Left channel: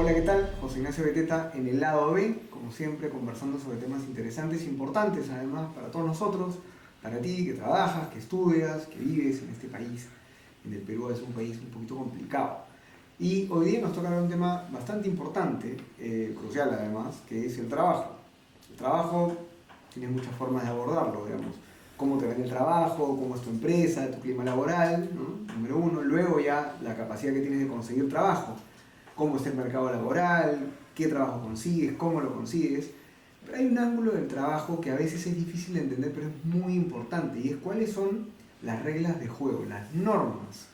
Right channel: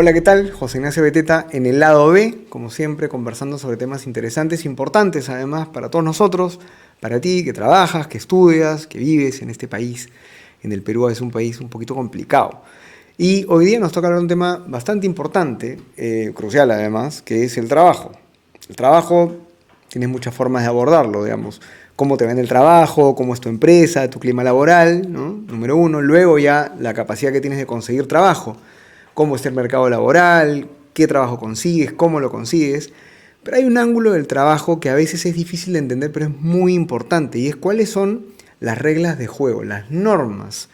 Hola, ¿qué tal? José Ignacio Beteta en el lado B, como siempre, conversando sobre temas interesantes, importantes además para todos nosotros, para ti que trabajas, que estudias, que vives en este país. En el Perú es un país un poquito complicado. Y hoy día nos toca hablar de un tema bastante importante, crucial además, que es el trabajo. El trabajo, tienes muchas formas de abordarlo, digamos. Cómo te va en el trabajo, cómo es tu empresa, tu clima laboral, ¿no? Número uno. Luego ya la capacidad que tienes de conseguir trabajo. Cómo está el mercado laboral, qué trabajo consigues, cómo lo consigues. Pero hay un ángulo del trabajo que a veces es difícil de entender, pero es muy importante, y es cuáles son las reglas de juego, las normas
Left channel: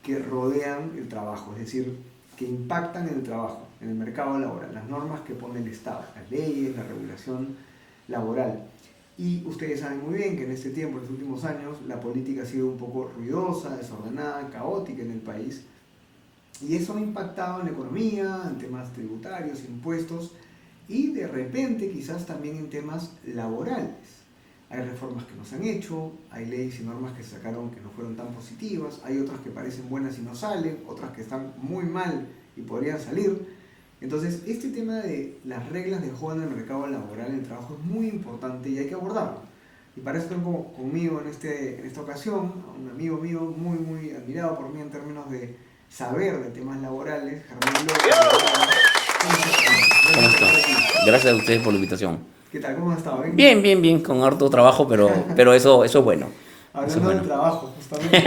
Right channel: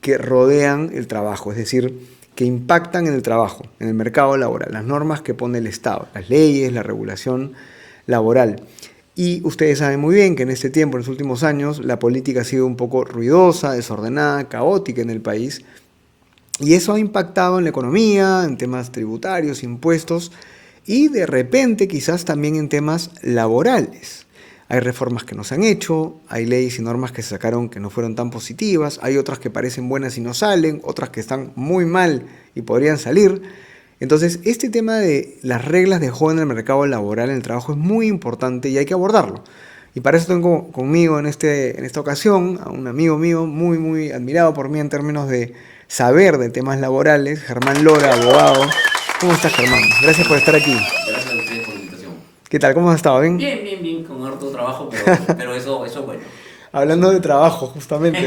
que rodean el trabajo, es decir, que impactan en el trabajo, en el mercado laboral, las normas que pone el Estado, las leyes, la regulación laboral. Y ustedes saben muy bien que en este tiempo, en los últimos años, la política ha sido un poco ruidosa, desordenada, caótica en el país, y eso ha impactado en la economía, en temas tributarios, impuestos y de repente quizás también en temas laborales. Hay reformas que no se han hecho, hay leyes y normas que se sacaron que no fueron tan positivas, hay otras que parecen buenas y no salen, otras que están muy mal y podrían salir. Entonces, este tema de las reglas de juego en el mercado laboral, en el trabajo, es muy importante y hay que abordarlo. Y para eso tengo conmigo en esta ocasión a un amigo mío muy admirado por mí en términos de saber de temas laborales, Germán Lora, abogado. ¿Cómo estás, Germán? Gracias por estar aquí. Gracias a ustedes por la invitación. ¿Qué tal? ¿Cómo has estado? ¿Bien? Bien, con harto trabajo, pero eso es bueno. Eso es Hablando de bueno. trabajo, justamente.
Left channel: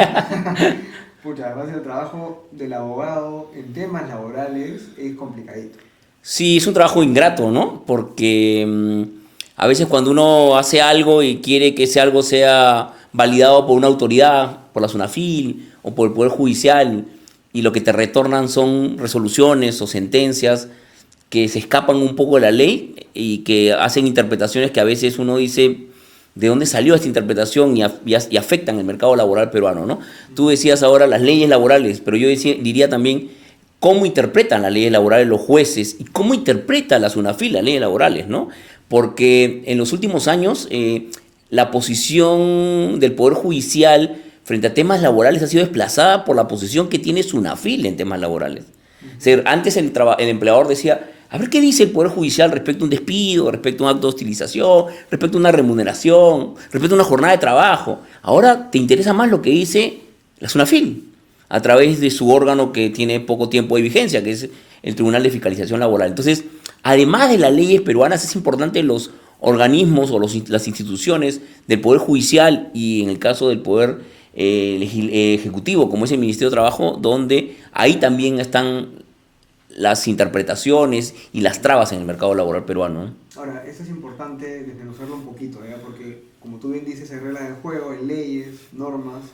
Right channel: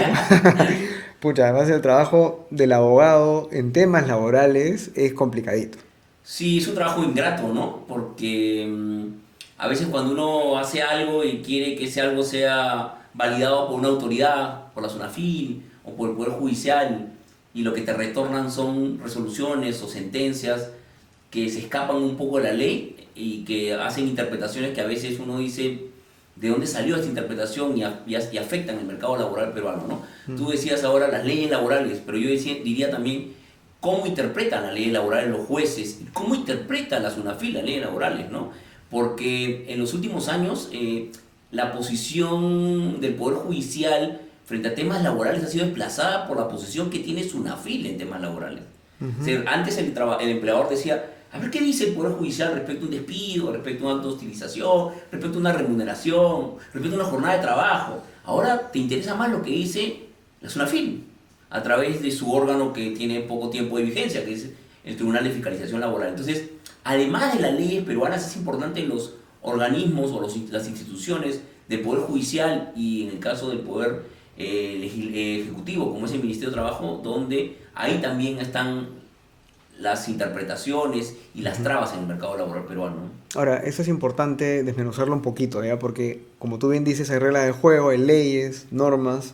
Pucha, además el trabajo del abogado en temas laborales es complicadito. Sí, es un trabajo ingrato, ¿no? Porque a veces cuando uno hace algo y quiere que ese algo sea validado por una autoridad, por la SUNAFIL o por el Poder Judicial, y lo que te retornan son resoluciones o sentencias que se escapan un poco de la ley y que hacen interpretaciones que a veces uno dice, ¿de dónde salió esta interpretación? Y afectan el mercado laboral peruano, ¿no? Tú decías ahora las leyes laborales, pero yo diría también cómo interpretan las leyes laborales los jueces y cómo interpreta la SUNAFIL las leyes laborales, ¿no? Porque en los últimos años la posición del Poder Judicial frente a temas laborales ha sido desplazada por la posición que tiene SUNAFIL en temas laborales. O sea, antes el empleador decía, a ver qué dice el Poder Judicial respecto a un despido, respecto a un acto de hostilización, respecto a una remuneración, respecto a una jornada de trabajo. Ahora te interesa más lo que dice la SUNAFIL a través de su órgano que tiene poco tiempo de vigencia, que es el Tribunal de Fiscalización Laboral. Entonces, además de las leyes peruanas, es importante los organismos o las instituciones del Poder Judicial y en el caso del Poder Ejecutivo, como es el Ministerio de Trabajo, donde ahí también están las interpretaciones y las trabas en el mercado laboral peruano, ¿no? Ahora, eso es importante desmenuzarlo un poquito, ¿ya? Porque, como tú bien dices, hay reglas de juego, hay leyes, normas.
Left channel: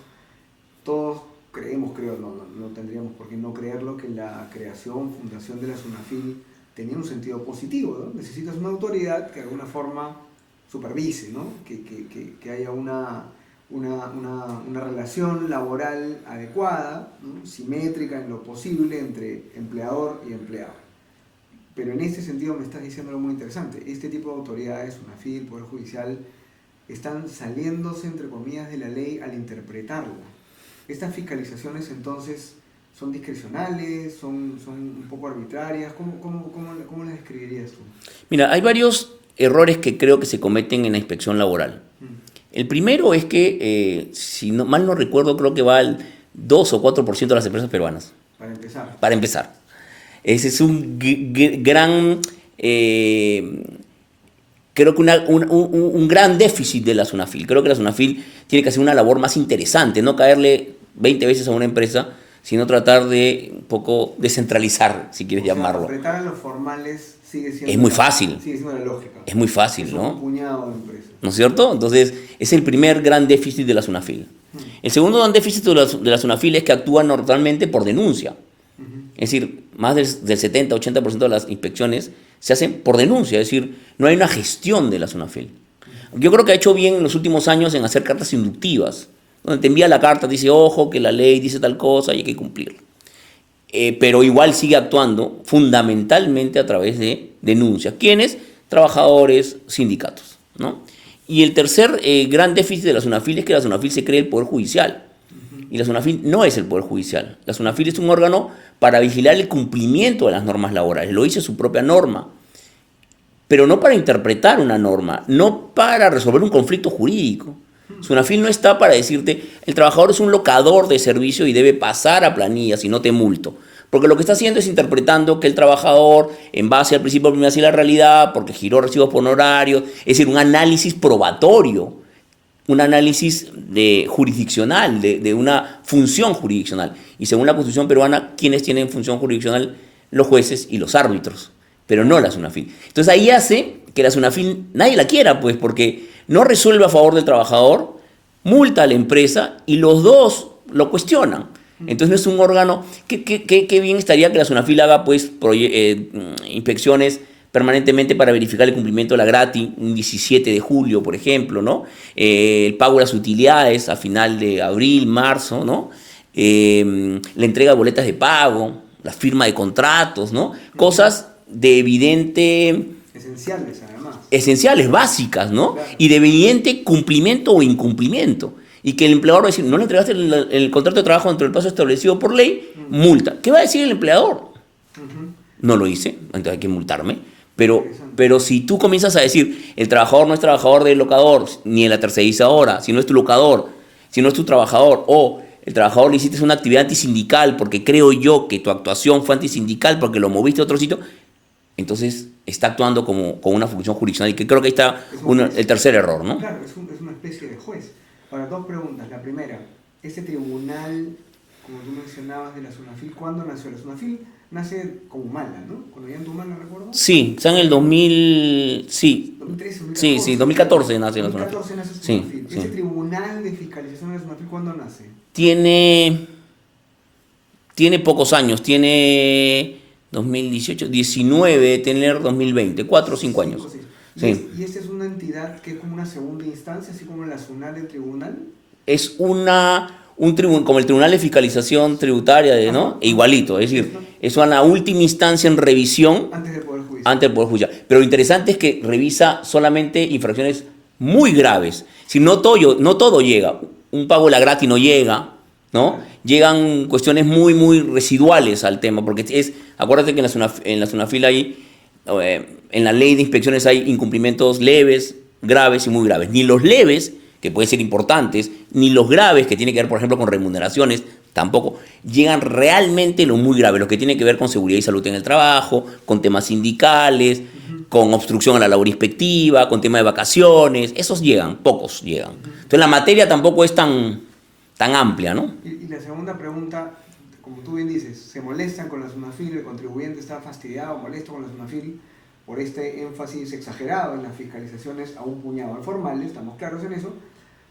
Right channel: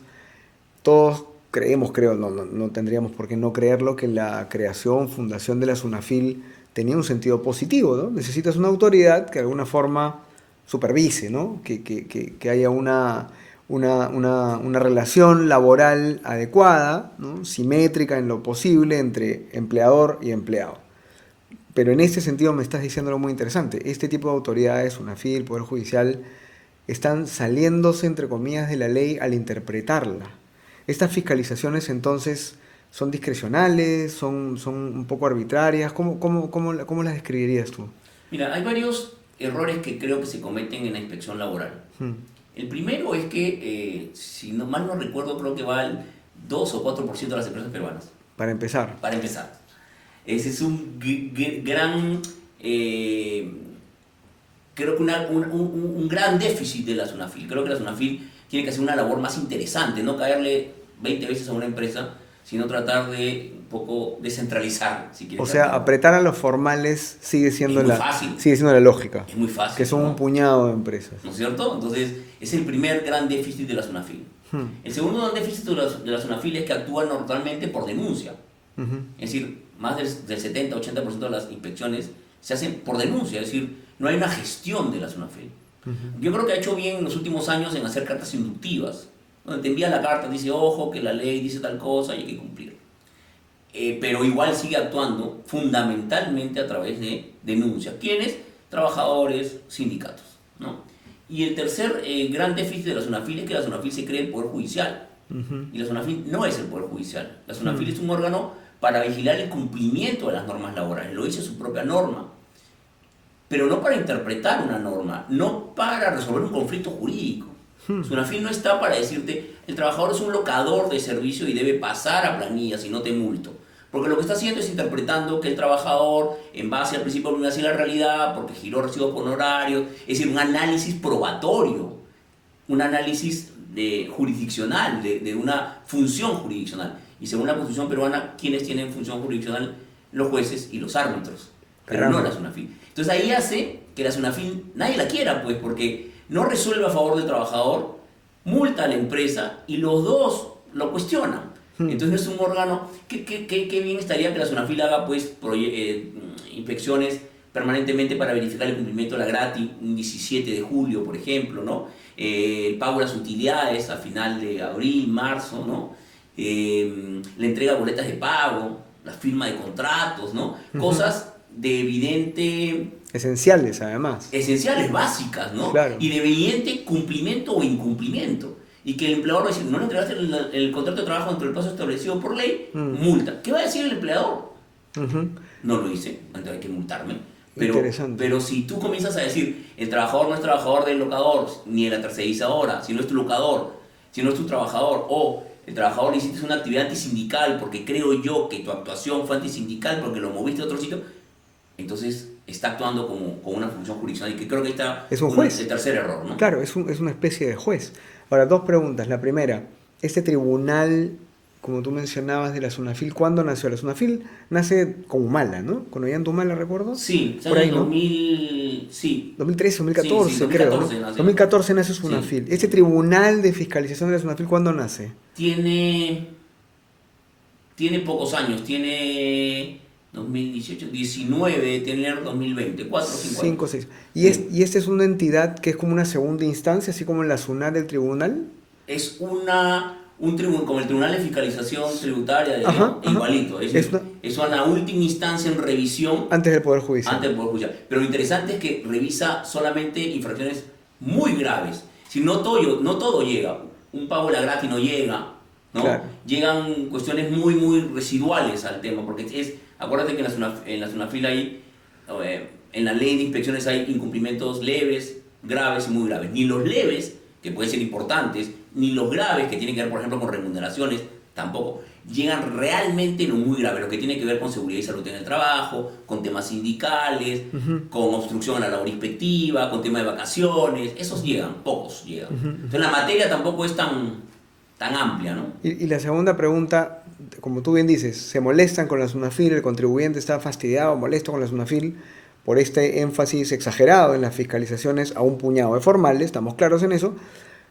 Todos creemos, creo, no tendríamos por qué no creerlo, que la creación, fundación de la SUNAFIL tenía un sentido positivo, ¿no? Necesitas una autoridad que de alguna forma supervise, ¿no? Que haya una relación laboral adecuada, ¿no? Simétrica en lo posible entre empleador y empleado. Pero en este sentido me estás diciendo algo muy interesante. Este tipo de autoridades, SUNAFIL, Poder Judicial, están saliéndose, entre comillas, de la ley al interpretarla. Estas fiscalizaciones entonces son discrecionales, son un poco arbitrarias. ¿Cómo las describirías tú? Mira, hay varios errores que creo que se cometen en la inspección laboral. Mm. El primero es que, si no, mal no recuerdo, creo que va al 2 o 4% de las empresas peruanas, Para empezar. para empezar. Ese es un gran, creo que un gran déficit de la SUNAFIL. Creo que la SUNAFIL tiene que hacer una labor más interesante, no caerle 20 veces a una empresa, sino tratar de un poco descentralizar, si quieres O sea, llamarlo. apretar a los formales Es muy fácil, sigue siendo la lógica. es muy Que fácil, son un ¿no? puñado de empresas. ¿No es cierto? Entonces, es el primer gran déficit de la SUNAFIL. Hmm. El segundo gran déficit de la SUNAFIL es que actúa normalmente por denuncia. Ujú. Es decir, más del 70-80% de las inspecciones se hacen por denuncia, es decir, no hay una gestión de la SUNAFIL. Yo creo que ha hecho bien en los últimos años en hacer cartas inductivas, donde te envía la carta, te dice, ojo, que la ley dice tal cosa y hay que cumplirla. Pero igual sigue actuando fundamentalmente a través de denuncias. ¿Quiénes? Trabajadores, sindicatos, ¿no? Y el tercer gran déficit de la SUNAFIL es que la SUNAFIL se cree el Poder Judicial. Y la SUNAFIL no es el Poder Judicial. La SUNAFIL es un órgano para vigilar el cumplimiento de las normas laborales, lo dice su propia norma, pero no para interpretar una norma, no para resolver un conflicto jurídico. Sunafil no está para decirte, el trabajador es un locador de servicio y debe pasar a planillas y no te multo. Porque lo que está haciendo es interpretando que el trabajador, en base al principio de primacía de la realidad, porque giró recibos por honorarios, es decir, un análisis probatorio, un análisis jurisdiccional, de una función jurisdiccional. Y según la Constitución peruana, ¿quiénes tienen función jurisdiccional? Los jueces y los árbitros, pero no la SUNAFIL. Entonces ahí hace que la SUNAFIL nadie la quiera, pues, porque no resuelve a favor del trabajador, multa a la empresa y los dos lo cuestionan. Entonces no es un órgano. Qué bien estaría que la SUNAFIL haga pues, inspecciones permanentemente para verificar el cumplimiento de la grati, un 17 de julio, por ejemplo, ¿no? El pago de las utilidades a final de abril, marzo, ¿no? La entrega de boletas de pago, la firma de contratos, ¿no? Cosas de evidente... Esenciales, además. Esenciales, básicas, ¿no? Claro. Y de evidente cumplimiento o incumplimiento. Y que el empleador va a decir, no le entregaste el contrato de trabajo dentro del plazo establecido por ley, multa. ¿Qué va a decir el empleador? No lo hice, entonces hay que multarme. Pero si tú comienzas a decir, el trabajador no es trabajador del locador, ni de la tercerizadora, si no es tu locador, si no es tu trabajador, o el trabajador le hiciste una actividad antisindical porque creo yo que tu actuación fue antisindical porque lo moviste a otro sitio, entonces está actuando como una función jurisdiccional, y que creo que ahí está el tercer error, ¿no? Claro, es una especie de juez. Ahora, dos preguntas. La primera, este tribunal, como tú mencionabas, de la SUNAFIL, ¿cuándo nació? La SUNAFIL nace con Humala, ¿no? Con Ollanta Humala, ¿recuerdo? Sí, está en el 2000, sí. 2013, 2014. Sí, 2014 creo, ¿no? nace. 2014 nace SUNAFIL. Sí, ¿Este tribunal de fiscalización de la SUNAFIL cuándo nace? Tiene pocos años, tiene 2018, 19, tener 2020, 4 o 5 años. 5 o 6. Sí. ¿Y esta es una entidad que es como una segunda instancia, así como en la SUNAT del tribunal? Es un tribunal, como el Tribunal de Fiscalización Tributaria, ¿no? Igualito, es decir, es una última instancia en revisión. Antes del Poder Judicial. Antes del Poder Judicial. Pero lo interesante es que revisa solamente infracciones muy graves. Si no todo llega. Un pago de la grati no llega, ¿no? Claro. Llegan cuestiones muy, muy residuales al tema, porque acuérdate que en la SUNAFIL hay, en la ley de inspecciones hay incumplimientos leves, graves y muy graves. Ni los leves, que pueden ser importantes, ni los graves, que tienen que ver, por ejemplo, con remuneraciones, tampoco. Llegan realmente lo muy grave, lo que tiene que ver con seguridad y salud en el trabajo, con temas sindicales, con obstrucción a la labor inspectiva, con tema de vacaciones. Esos llegan, pocos llegan. Entonces la materia tampoco es tan amplia, ¿no? Y la segunda pregunta, como tú bien dices, se molestan con la SUNAFIL, el contribuyente está fastidiado, molesto con la SUNAFIL por este énfasis exagerado en las fiscalizaciones a un puñado de formales, estamos claros en eso,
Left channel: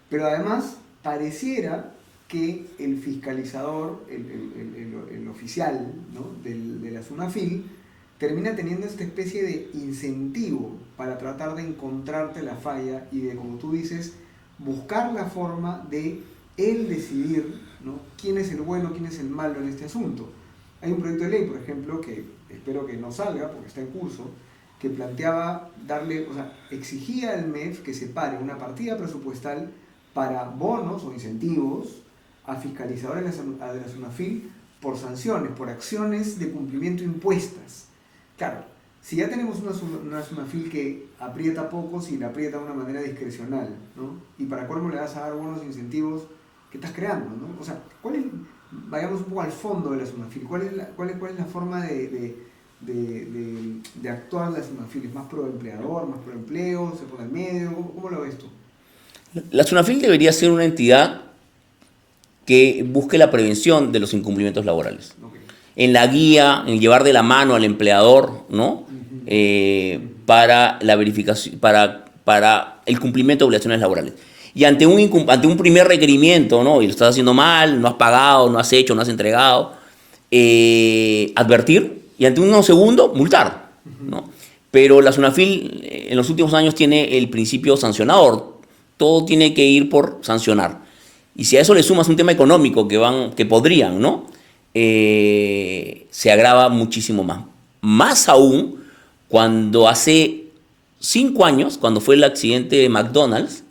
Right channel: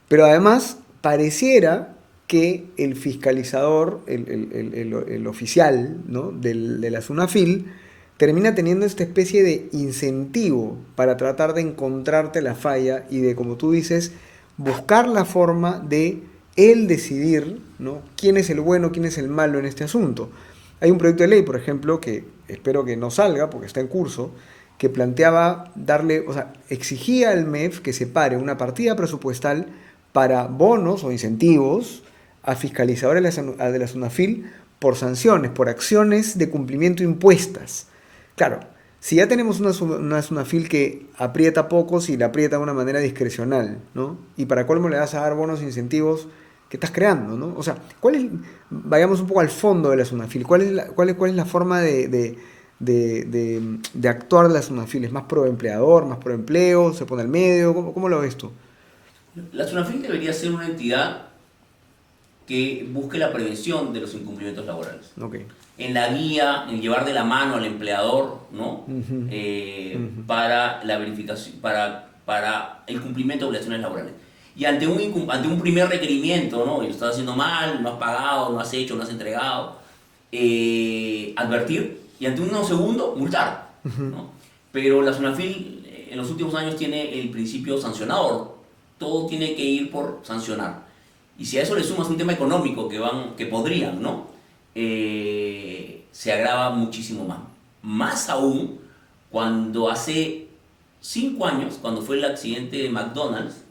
pero además pareciera que el fiscalizador, el oficial, ¿no? de la SUNAFIL, termina teniendo esta especie de incentivo para tratar de encontrarte la falla y de, como tú dices, buscar la forma de él decidir, ¿no? quién es el bueno, quién es el malo en este asunto. Hay un proyecto de ley, por ejemplo, que espero que no salga porque está en curso, que planteaba exigía al MEF que separe una partida presupuestal para bonos o incentivos a fiscalizadores de la SUNAFIL por sanciones, por acciones de cumplimiento impuestas. Claro, si ya tenemos una SUNAFIL que aprieta a pocos y la aprieta de una manera discrecional, ¿no? Y para colmo le vas a dar bonos e incentivos, ¿qué estás creando, ¿no? O sea, vayamos un poco al fondo de la SUNAFIL. ¿Cuál es la forma de actuar de la SUNAFIL? ¿Es más pro empleador, más pro empleo? ¿Se pone al medio? ¿Cómo lo ves tú? La SUNAFIL debería ser una entidad que busque la prevención de los incumplimientos laborales. Okay. En la guía, en llevar de la mano al empleador, ¿no? Para la verificación, para el cumplimiento de obligaciones laborales. Y ante un primer requerimiento, ¿no? Y lo estás haciendo mal, no has pagado, no has hecho, no has entregado, advertir, y ante un segundo, multar, ¿no? Pero la SUNAFIL en los últimos años tiene el principio sancionador. Todo tiene que ir por sancionar. Y si a eso le sumas un tema económico que podrían, ¿no? Se agrava muchísimo más. Más aún cuando hace 5 años, cuando fue el accidente de McDonald's,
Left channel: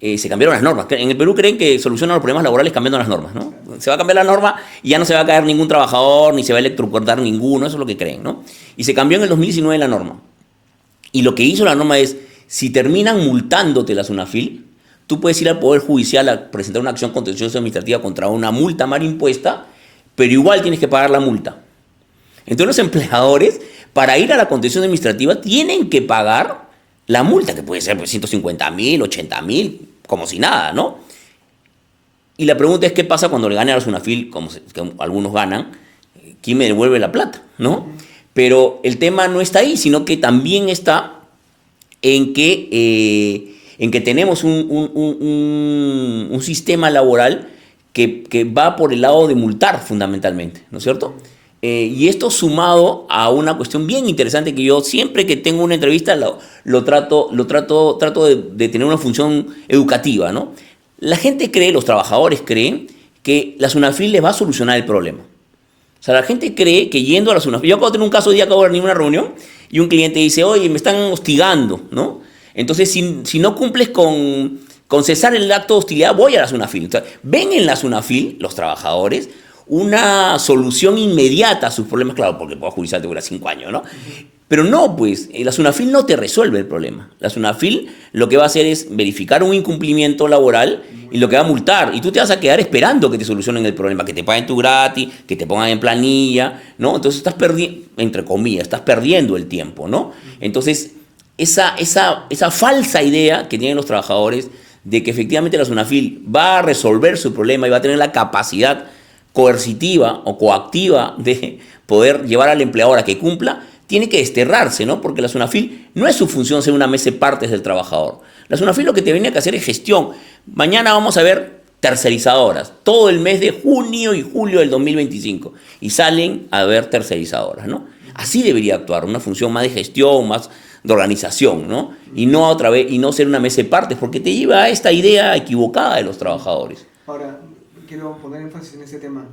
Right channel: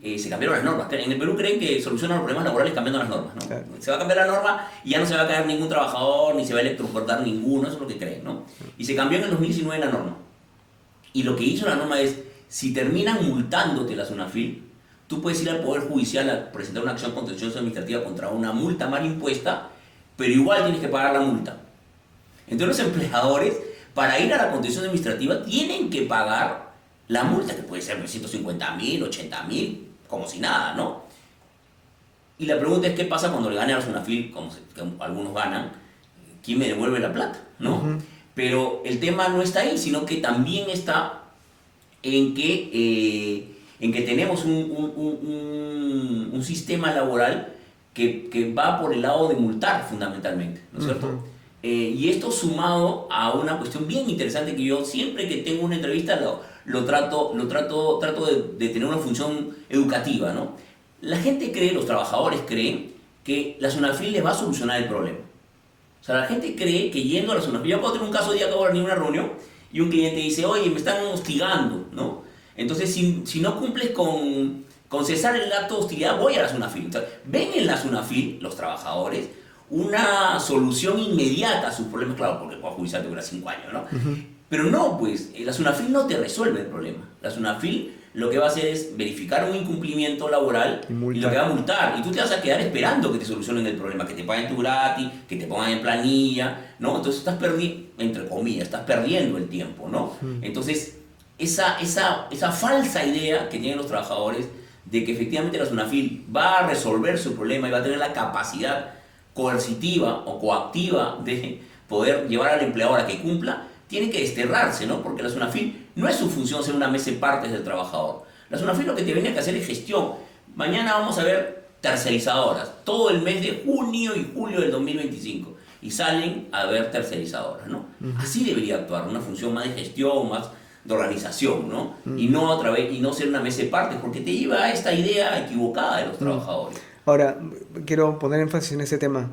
Se cambiaron las normas. En el Perú creen que solucionan los problemas laborales cambiando las normas, ¿no? Claro. Se va a cambiar la norma y ya no se va a caer ningún trabajador, ni se va a electrocutar ninguno, eso es lo que creen, ¿no? Y se cambió en el 2019 la norma. Y lo que hizo la norma es, si terminan multándote la SUNAFIL, tú puedes ir al Poder Judicial a presentar una acción contenciosa administrativa contra una multa mal impuesta, pero igual tienes que pagar la multa. Entonces los empleadores, para ir a la contenciosa administrativa, tienen que pagar la multa, que puede ser pues, 150.000, 80.000, como si nada, ¿no? Y la pregunta es, ¿qué pasa cuando le gane a la SUNAFIL, que algunos ganan? ¿Quién me devuelve la plata, no? Pero el tema no está ahí, sino que también está en que tenemos un sistema laboral que va por el lado de multar fundamentalmente, ¿no es cierto? Y esto sumado a una cuestión bien interesante que yo siempre que tengo una entrevista trato de tener una función educativa, ¿no? La gente cree, los trabajadores creen que la SUNAFIL les va a solucionar el problema. O sea, la gente cree que yendo a la SUNAFIL... Yo acabo de tener un caso de día, acabo de venir a una reunión y un cliente dice, oye, me están hostigando, ¿no? Entonces, si no cumples con cesar el acto de hostilidad, voy a la SUNAFIL. O sea, ven en la SUNAFIL, los trabajadores, una solución inmediata a sus problemas, claro, porque el Poder Judicial te dura 5 años, ¿no? Pero no, pues, la SUNAFIL no te resuelve el problema. La SUNAFIL lo que va a hacer es verificar un incumplimiento laboral y lo que va a multar. Y tú te vas a quedar esperando que te solucionen el problema, que te paguen tu gratis, que te pongan en planilla, ¿no? Entonces estás perdiendo, entre comillas, estás perdiendo el tiempo, ¿no? Entonces, esa falsa idea que tienen los trabajadores de que efectivamente la SUNAFIL va a resolver su problema y va a tener la capacidad coercitiva o coactiva de poder llevar al empleador a que cumpla, tiene que desterrarse, ¿no? Porque la SUNAFIL no es su función ser una mesa de partes del trabajador. La SUNAFIL lo que tenía que hacer es gestión. Mañana vamos a ver tercerizadoras, todo el mes de junio y julio del 2025, y salen a ver tercerizadoras, ¿no? Así debería actuar, una función más de gestión, más de organización, ¿no? Y no otra vez, y no ser una mesa de partes, porque te lleva a esta idea equivocada de los trabajadores. Ahora, quiero poner énfasis en ese tema.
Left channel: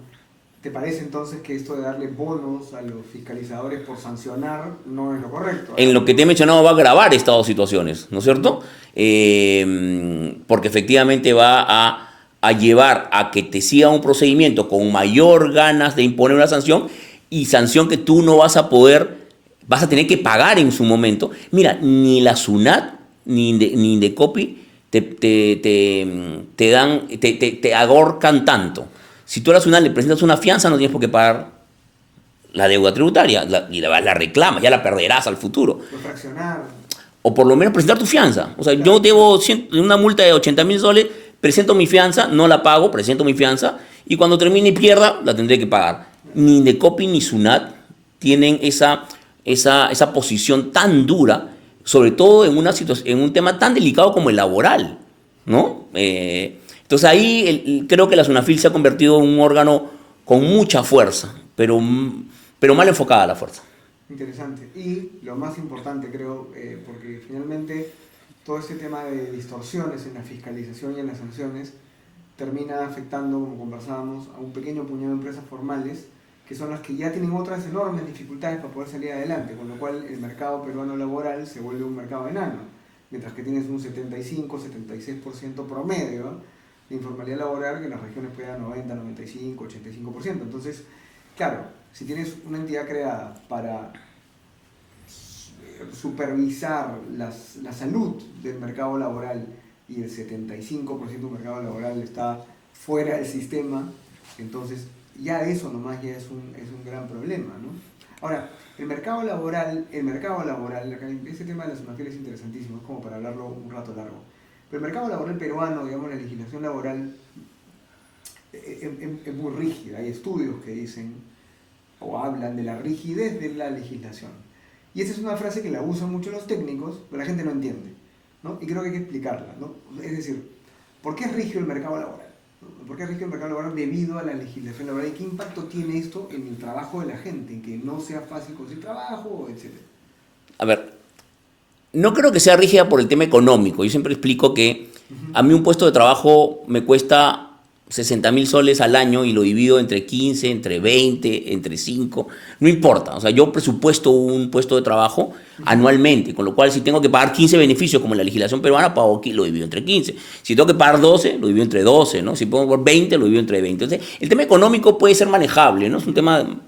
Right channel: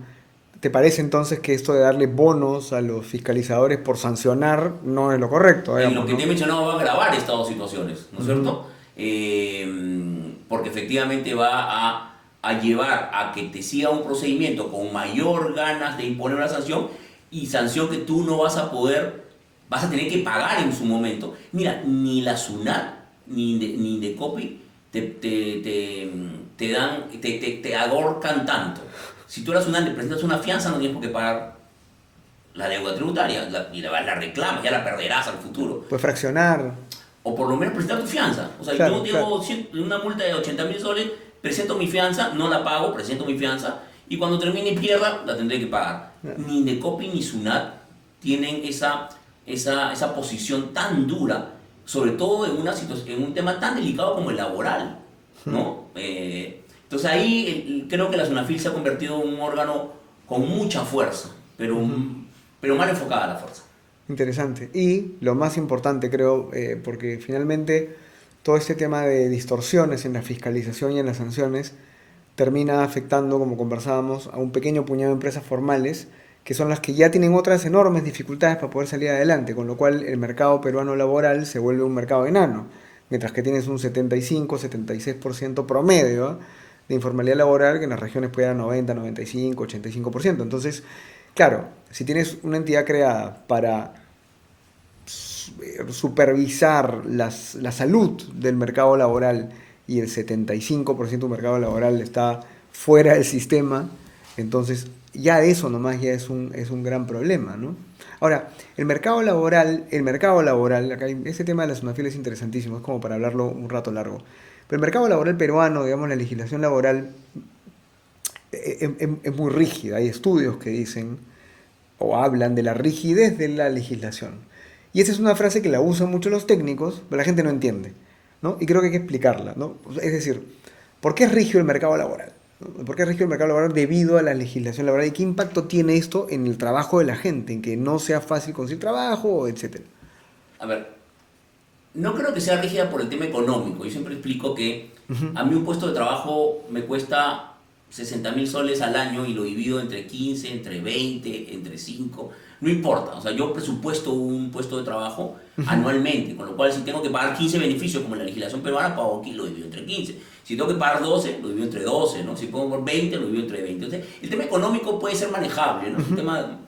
¿Te parece entonces que esto de darle bonos a los fiscalizadores por sancionar no es lo correcto? En lo que te he mencionado va a agravar estas situaciones, ¿no es cierto? Porque efectivamente va a llevar a que te siga un procedimiento con mayor ganas de imponer una sanción, y sanción que tú no vas a poder, vas a tener que pagar en su momento. Mira, ni la SUNAT ni Indecopi te agorcan tanto. Si tú a la SUNAT le presentas una fianza, no tienes por qué pagar la deuda tributaria y la reclamas, ya la perderás al futuro. Pues fraccionar. O por lo menos presentar tu fianza. O sea, Claro, yo debo una multa de 80.000 soles, presento mi fianza, no la pago, presento mi fianza, y cuando termine y pierda, la tendré que pagar. Ni Indecopi ni SUNAT tienen esa posición tan dura, sobre todo en un tema tan delicado como el laboral, ¿no? Entonces ahí creo que la SUNAFIL se ha convertido en un órgano con mucha fuerza, pero mal enfocada la fuerza. Interesante. Y lo más importante, creo, porque finalmente todo este tema de distorsiones en la fiscalización y en las sanciones termina afectando, como conversábamos, a un pequeño puñado de empresas formales, que son las que ya tienen otras enormes dificultades para poder salir adelante, con lo cual el mercado peruano laboral se vuelve un mercado enano, mientras que tienes un 75-76% promedio de informalidad laboral, que en las regiones puede dar 90, 95, 85%. Entonces, claro, si tienes una entidad creada para supervisar la salud del mercado laboral y el 75% del mercado laboral está fuera del sistema, entonces ya eso nomás ya es un gran problema, ¿no? Ahora, el mercado laboral, acá ese tema de la SUNAFIL es interesantísimo, es como para hablarlo un rato largo. Pero el mercado laboral peruano, digamos, la legislación laboral es muy rígida. Hay estudios que dicen o hablan de la rigidez de la legislación. Y esa es una frase que la usan mucho los técnicos, pero la gente no entiende, ¿no? Y creo que hay que explicarla, ¿no? Es decir, ¿por qué es rígido el mercado laboral? ¿Por qué es rígido el mercado laboral debido a la legislación laboral? ¿Y qué impacto tiene esto en el trabajo de la gente? En que no sea fácil conseguir trabajo, etcétera. A ver, no creo que sea rígida por el tema económico. Yo siempre explico que a mí un puesto de trabajo me cuesta 60.000 soles al año y lo divido entre 15, entre 20, entre 5, no importa. O sea, yo presupuesto un puesto de trabajo anualmente, con lo cual si tengo que pagar 15 beneficios como en la legislación peruana, pago aquí, lo divido entre 15. Si tengo que pagar 12, lo divido entre 12, ¿no? Si pongo por 20, lo divido entre 20. Entonces, el tema económico puede ser manejable, ¿no? Es un tema...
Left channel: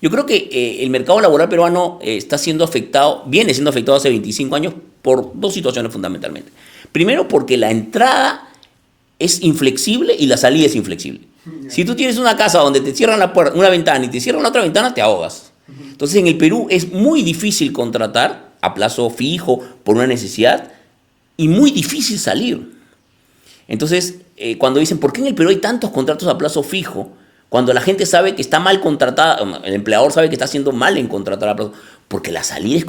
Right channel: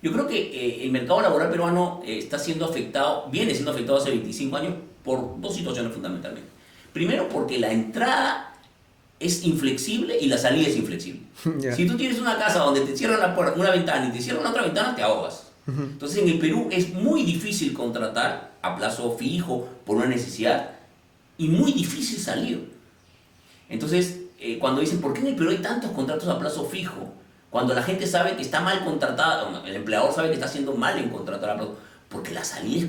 Yo creo que el mercado laboral peruano está siendo afectado, viene siendo afectado hace 25 años por dos situaciones fundamentalmente. Primero, porque la entrada es inflexible y la salida es inflexible. Ya. Si tú tienes una casa donde te cierran la puerta, una ventana y te cierran la otra ventana, te ahogas. Entonces en el Perú es muy difícil contratar a plazo fijo por una necesidad y muy difícil salir. Entonces, cuando dicen, ¿por qué en el Perú hay tantos contratos a plazo fijo? Cuando la gente sabe que está mal contratada, el empleador sabe que está haciendo mal en contratar a plazo, porque la salida es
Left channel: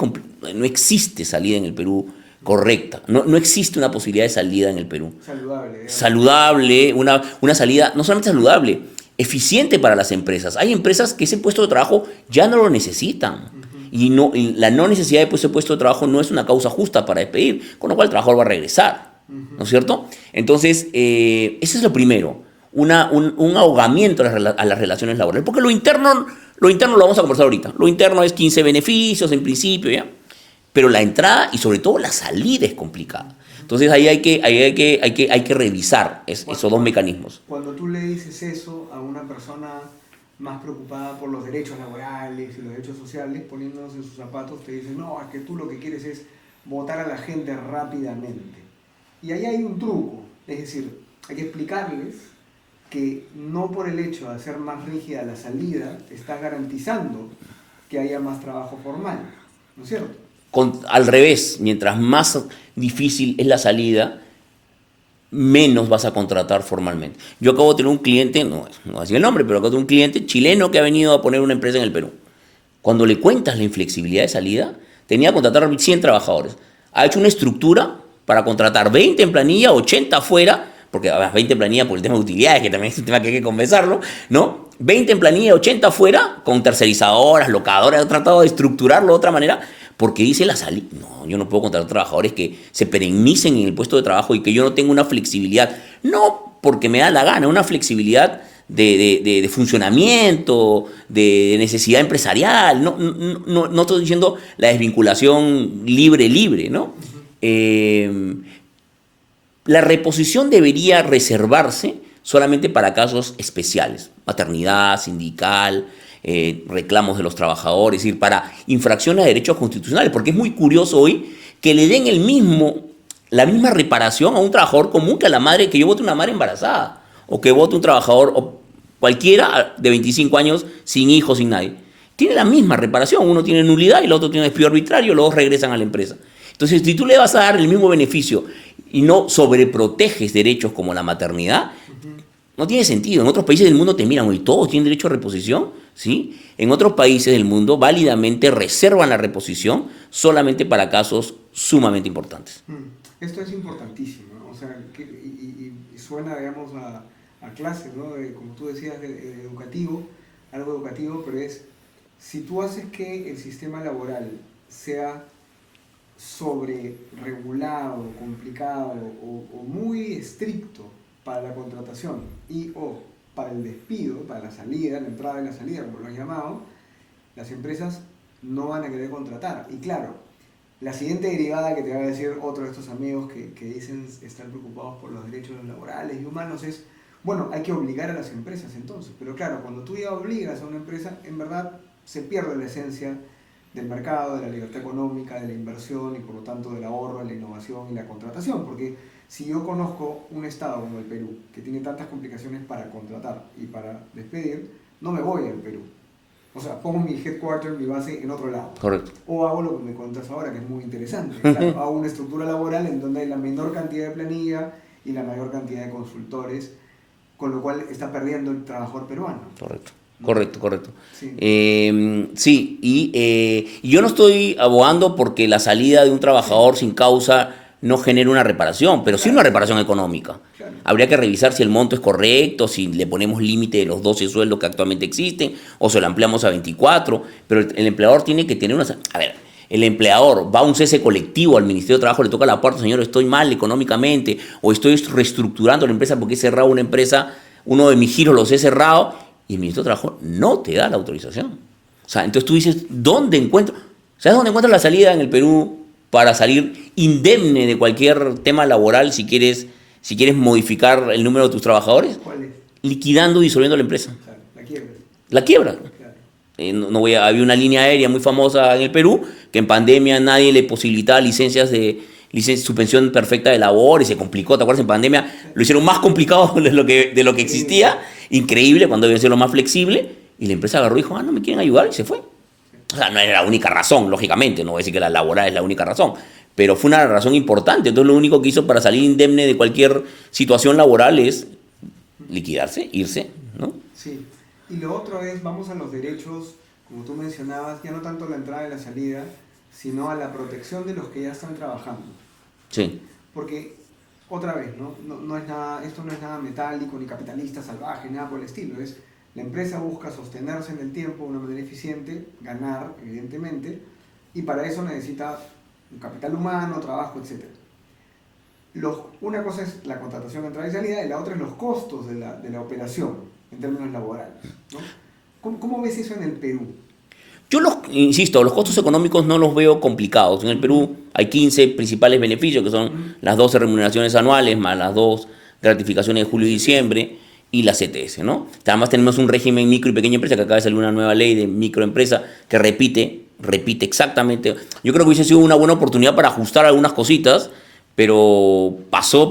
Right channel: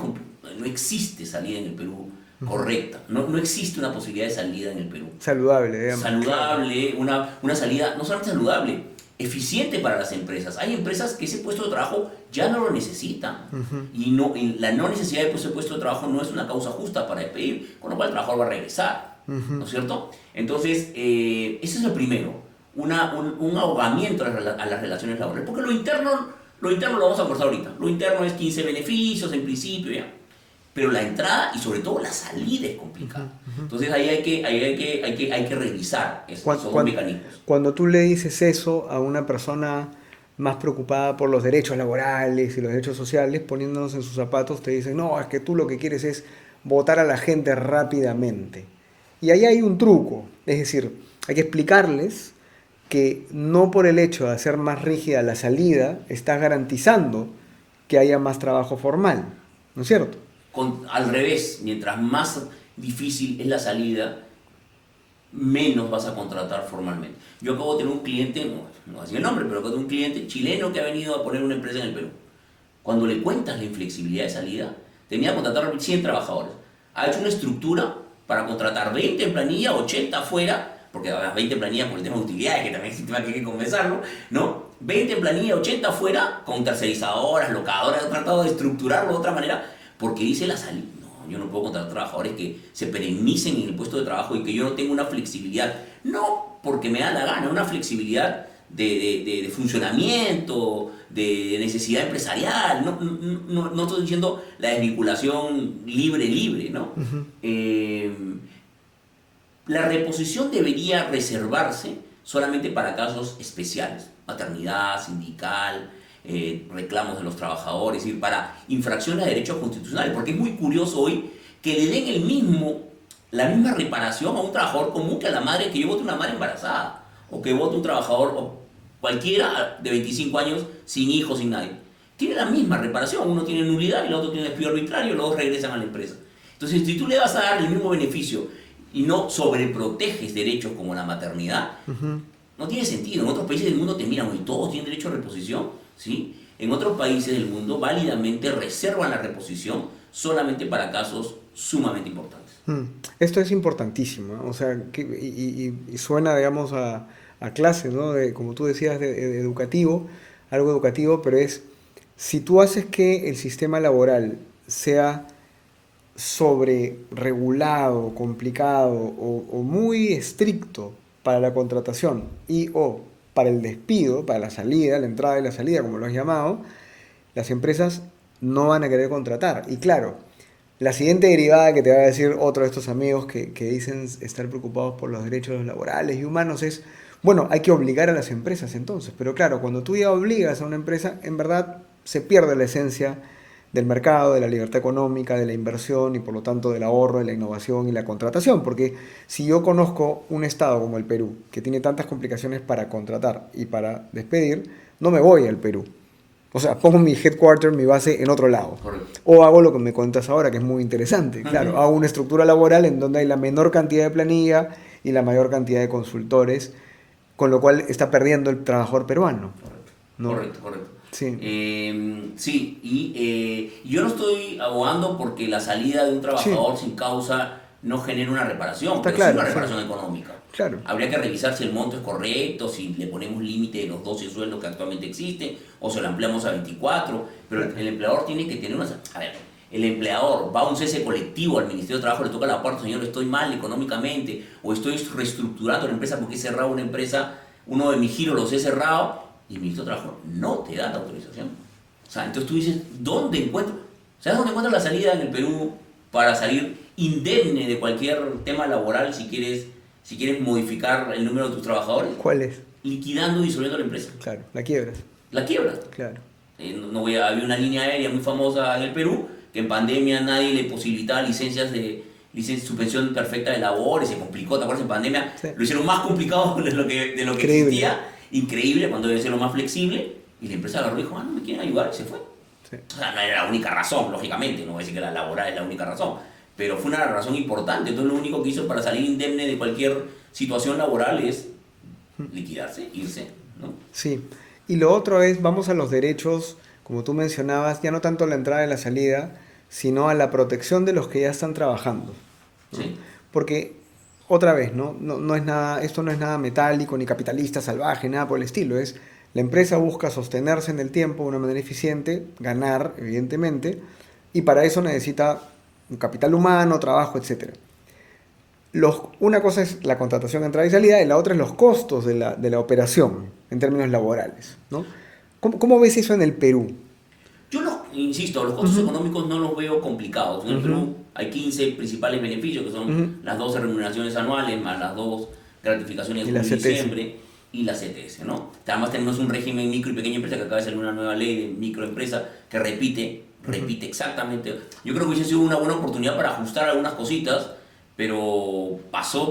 no existe salida en el Perú correcta. No existe una posibilidad de salida en el Perú. Saludable, digamos. Saludable, una salida no solamente saludable, eficiente para las empresas. Hay empresas que ese puesto de trabajo ya no lo necesitan. Y la no necesidad de ese puesto de trabajo no es una causa justa para despedir, con lo cual el trabajador va a regresar. ¿No es cierto? Entonces, eso es lo primero. Un ahogamiento a las relaciones laborales. Porque lo interno lo vamos a conversar ahorita. Lo interno es 15 beneficios en principio, ¿ya? Pero la entrada y sobre todo la salida es complicada. Entonces ahí hay que revisar esos dos mecanismos. Cuando tú le dices eso a una persona más preocupada por los derechos laborales y los derechos sociales, poniéndonos en sus zapatos, te dicen, no, es que tú lo que quieres es votar a la gente rápidamente. Y ahí hay un truco, es decir, hay que explicarles que no por el hecho de hacer más rígida la salida, estás garantizando que haya más trabajo formal, ¿no es cierto? Al revés, mientras más difícil es la salida, menos vas a contratar formalmente. Yo acabo de tener un cliente, no voy a decir el nombre, pero acabo de tener un cliente chileno que ha venido a poner una empresa en el Perú. Cuando le cuentas la inflexibilidad de salida, tenía que contratar 100 trabajadores. Ha hecho una estructura para contratar 20 en planilla, 80 afuera, porque además 20 en planilla por el tema de utilidades, que también es un tema que hay que conversarlo, ¿no? 20 en planilla, 80 afuera, con tercerizadoras, locadoras. He tratado de estructurarlo de otra manera, porque dice la salida. No, yo no puedo contratar trabajadores que se perennecen en el puesto de trabajo y que yo no tenga una flexibilidad. No porque me da la gana, una flexibilidad de funcionamiento, de necesidad empresarial. No estoy diciendo la desvinculación libre, ¿no? La reposición debería reservarse solamente para casos especiales. Maternidad, sindical, reclamos de los trabajadores, es decir, para infracciones de derechos constitucionales, porque es muy curioso hoy que le den la misma reparación a un trabajador común que a la madre, que yo vote una madre embarazada, o que vote un trabajador o cualquiera de 25 años sin hijos, sin nadie. Tiene la misma reparación, uno tiene nulidad y el otro tiene despido arbitrario, los dos regresan a la empresa. Entonces, si tú le vas a dar el mismo beneficio y no sobreproteges derechos como la maternidad, no tiene sentido. En otros países del mundo te miran, oye, todos tienen derecho a reposición, ¿sí? En otros países del mundo válidamente reservan la reposición solamente para casos sumamente importantes. Esto es importantísimo, ¿no? O sea, y suena, digamos, a clase, ¿no? Como tú decías, de educativo, algo educativo, pero es, si tú haces que el sistema laboral sea sobre regulado, complicado o muy estricto para la contratación y o para el despido, para la salida, la entrada y la salida, como lo has llamado, las empresas no van a querer contratar. Y claro, la siguiente derivada que te va a decir otro de estos amigos que dicen estar preocupados por los derechos laborales y humanos es, bueno, hay que obligar a las empresas entonces. Pero claro, cuando tú ya obligas a una empresa, en verdad se pierde la esencia del mercado, de la libertad económica, de la inversión y por lo tanto del ahorro, de la innovación y la contratación. Porque si yo conozco un estado como el Perú, que tiene tantas complicaciones para contratar y para despedir, no me voy al Perú. O sea, pongo mi headquarter, mi base en otro lado. Correcto. O hago lo que me cuentas ahora, que es muy interesante. Claro, hago una estructura laboral en donde hay la menor cantidad de planilla y la mayor cantidad de consultores, con lo cual está perdiendo el trabajador peruano. Correcto. ¿No? Correcto. Sí. Sí, y yo no estoy abogando porque la salida de un trabajador sin causa no genere una reparación, pero claro, sí una reparación económica. Claro. Habría que revisar si el monto es correcto, si le ponemos límite de los 12 sueldos que actualmente existen, o se lo ampliamos a 24, pero el empleador tiene que tener una... A ver, el empleador va a un cese colectivo al Ministerio de Trabajo, le toca la puerta, señor, estoy mal económicamente, o estoy reestructurando la empresa porque he cerrado una empresa uno de mis giros los he cerrado y el Ministerio de Trabajo no te da la autorización. O sea, entonces tú dices, ¿sabes dónde encuentras la salida en el Perú para salir indemne de cualquier tema laboral si quieres modificar el número de tus trabajadores? ¿Cuál es? Liquidando, disolviendo la empresa. Claro, la quiebra. La quiebra. Claro. Había una línea aérea muy famosa en el Perú que en pandemia nadie le posibilitaba suspensión perfecta de labor y se complicó. ¿Te acuerdas? En pandemia Sí. lo hicieron más complicado de lo que Increíble. existía. Increíble, cuando debe ser lo más flexible. Y la empresa agarró y dijo, no me quieren ayudar, y se fue. Sí. O sea, no era la única razón, lógicamente. No voy a decir que la laboral es la única razón. Pero fue una razón importante. Entonces lo único que hizo para salir indemne de cualquier situación laboral es liquidarse, irse, ¿no? Sí. Y lo otro es, vamos a los derechos, como tú mencionabas, ya no tanto a la entrada y la salida, sino a la protección de los que ya están trabajando. Sí. Porque, otra vez, no es nada, esto no es nada metálico, ni capitalista, salvaje, nada por el estilo. Es, la empresa busca sostenerse en el tiempo de una manera eficiente, ganar, evidentemente, y para eso necesita un capital humano, trabajo, etc. Una cosa es la contratación, entrada y salida, y la otra es los costos de la operación, en términos laborales, ¿no? ¿Cómo ves eso en el Perú? Yo insisto, los costos económicos no los veo complicados. En el Perú hay 15 principales beneficios, que son las 12 remuneraciones anuales, más las 2 gratificaciones de Y la julio y CTS. diciembre, y la CTS, ¿no? Además tenemos un régimen micro y pequeña empresa, que acaba de salir una nueva ley de microempresa que repite exactamente. Yo creo que hubiese sido una buena oportunidad para ajustar algunas cositas, pero pasó,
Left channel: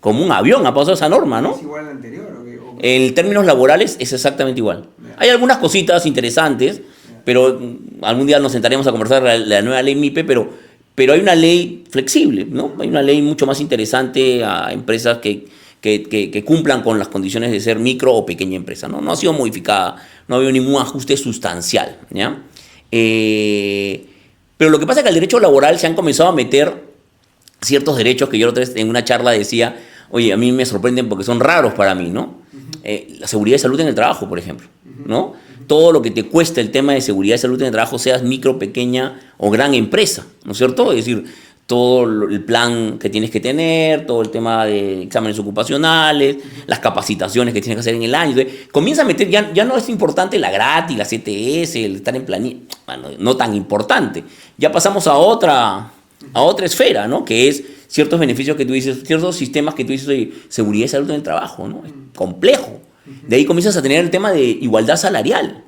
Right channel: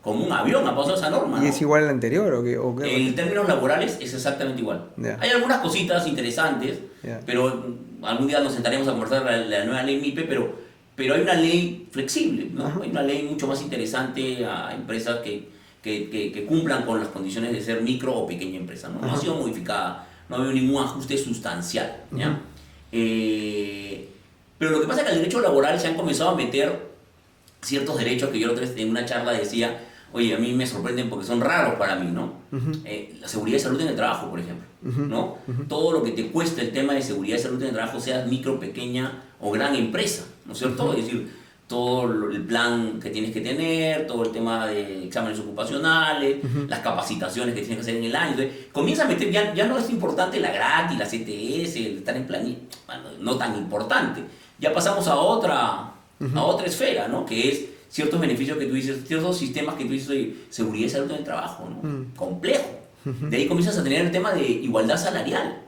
como un avión ha pasado esa norma, ¿no? ¿Es igual al anterior o qué? En términos laborales es exactamente igual. Ya. Hay algunas cositas interesantes, Ya. pero algún día nos sentaremos a conversar la nueva ley MIPE, pero hay una ley flexible, ¿no? Hay una ley mucho más interesante a empresas que cumplan con las condiciones de ser micro o pequeña empresa, ¿no? No ha sido modificada, no ha habido ningún ajuste sustancial, ¿ya? Pero lo que pasa es que al derecho laboral se han comenzado a meter ciertos derechos que yo la otra vez en una charla decía, oye, a mí me sorprenden porque son raros para mí, ¿no? La seguridad y salud en el trabajo, por ejemplo, ¿no? Todo lo que te cuesta el tema de seguridad y salud en el trabajo, seas micro, pequeña o gran empresa, ¿no es cierto? Es decir, todo el plan que tienes que tener, todo el tema de exámenes ocupacionales, las capacitaciones que tienes que hacer en el año. Entonces, comienza a meter, ya no es importante la gratis, la CTS, el estar en planilla, bueno, no tan importante. Ya pasamos a otra esfera, ¿no? Que es ciertos beneficios que tú dices, ciertos sistemas que tú dices, oye, seguridad y salud en el trabajo, ¿no? Complejo. De ahí comienzas a tener el tema de igualdad salarial.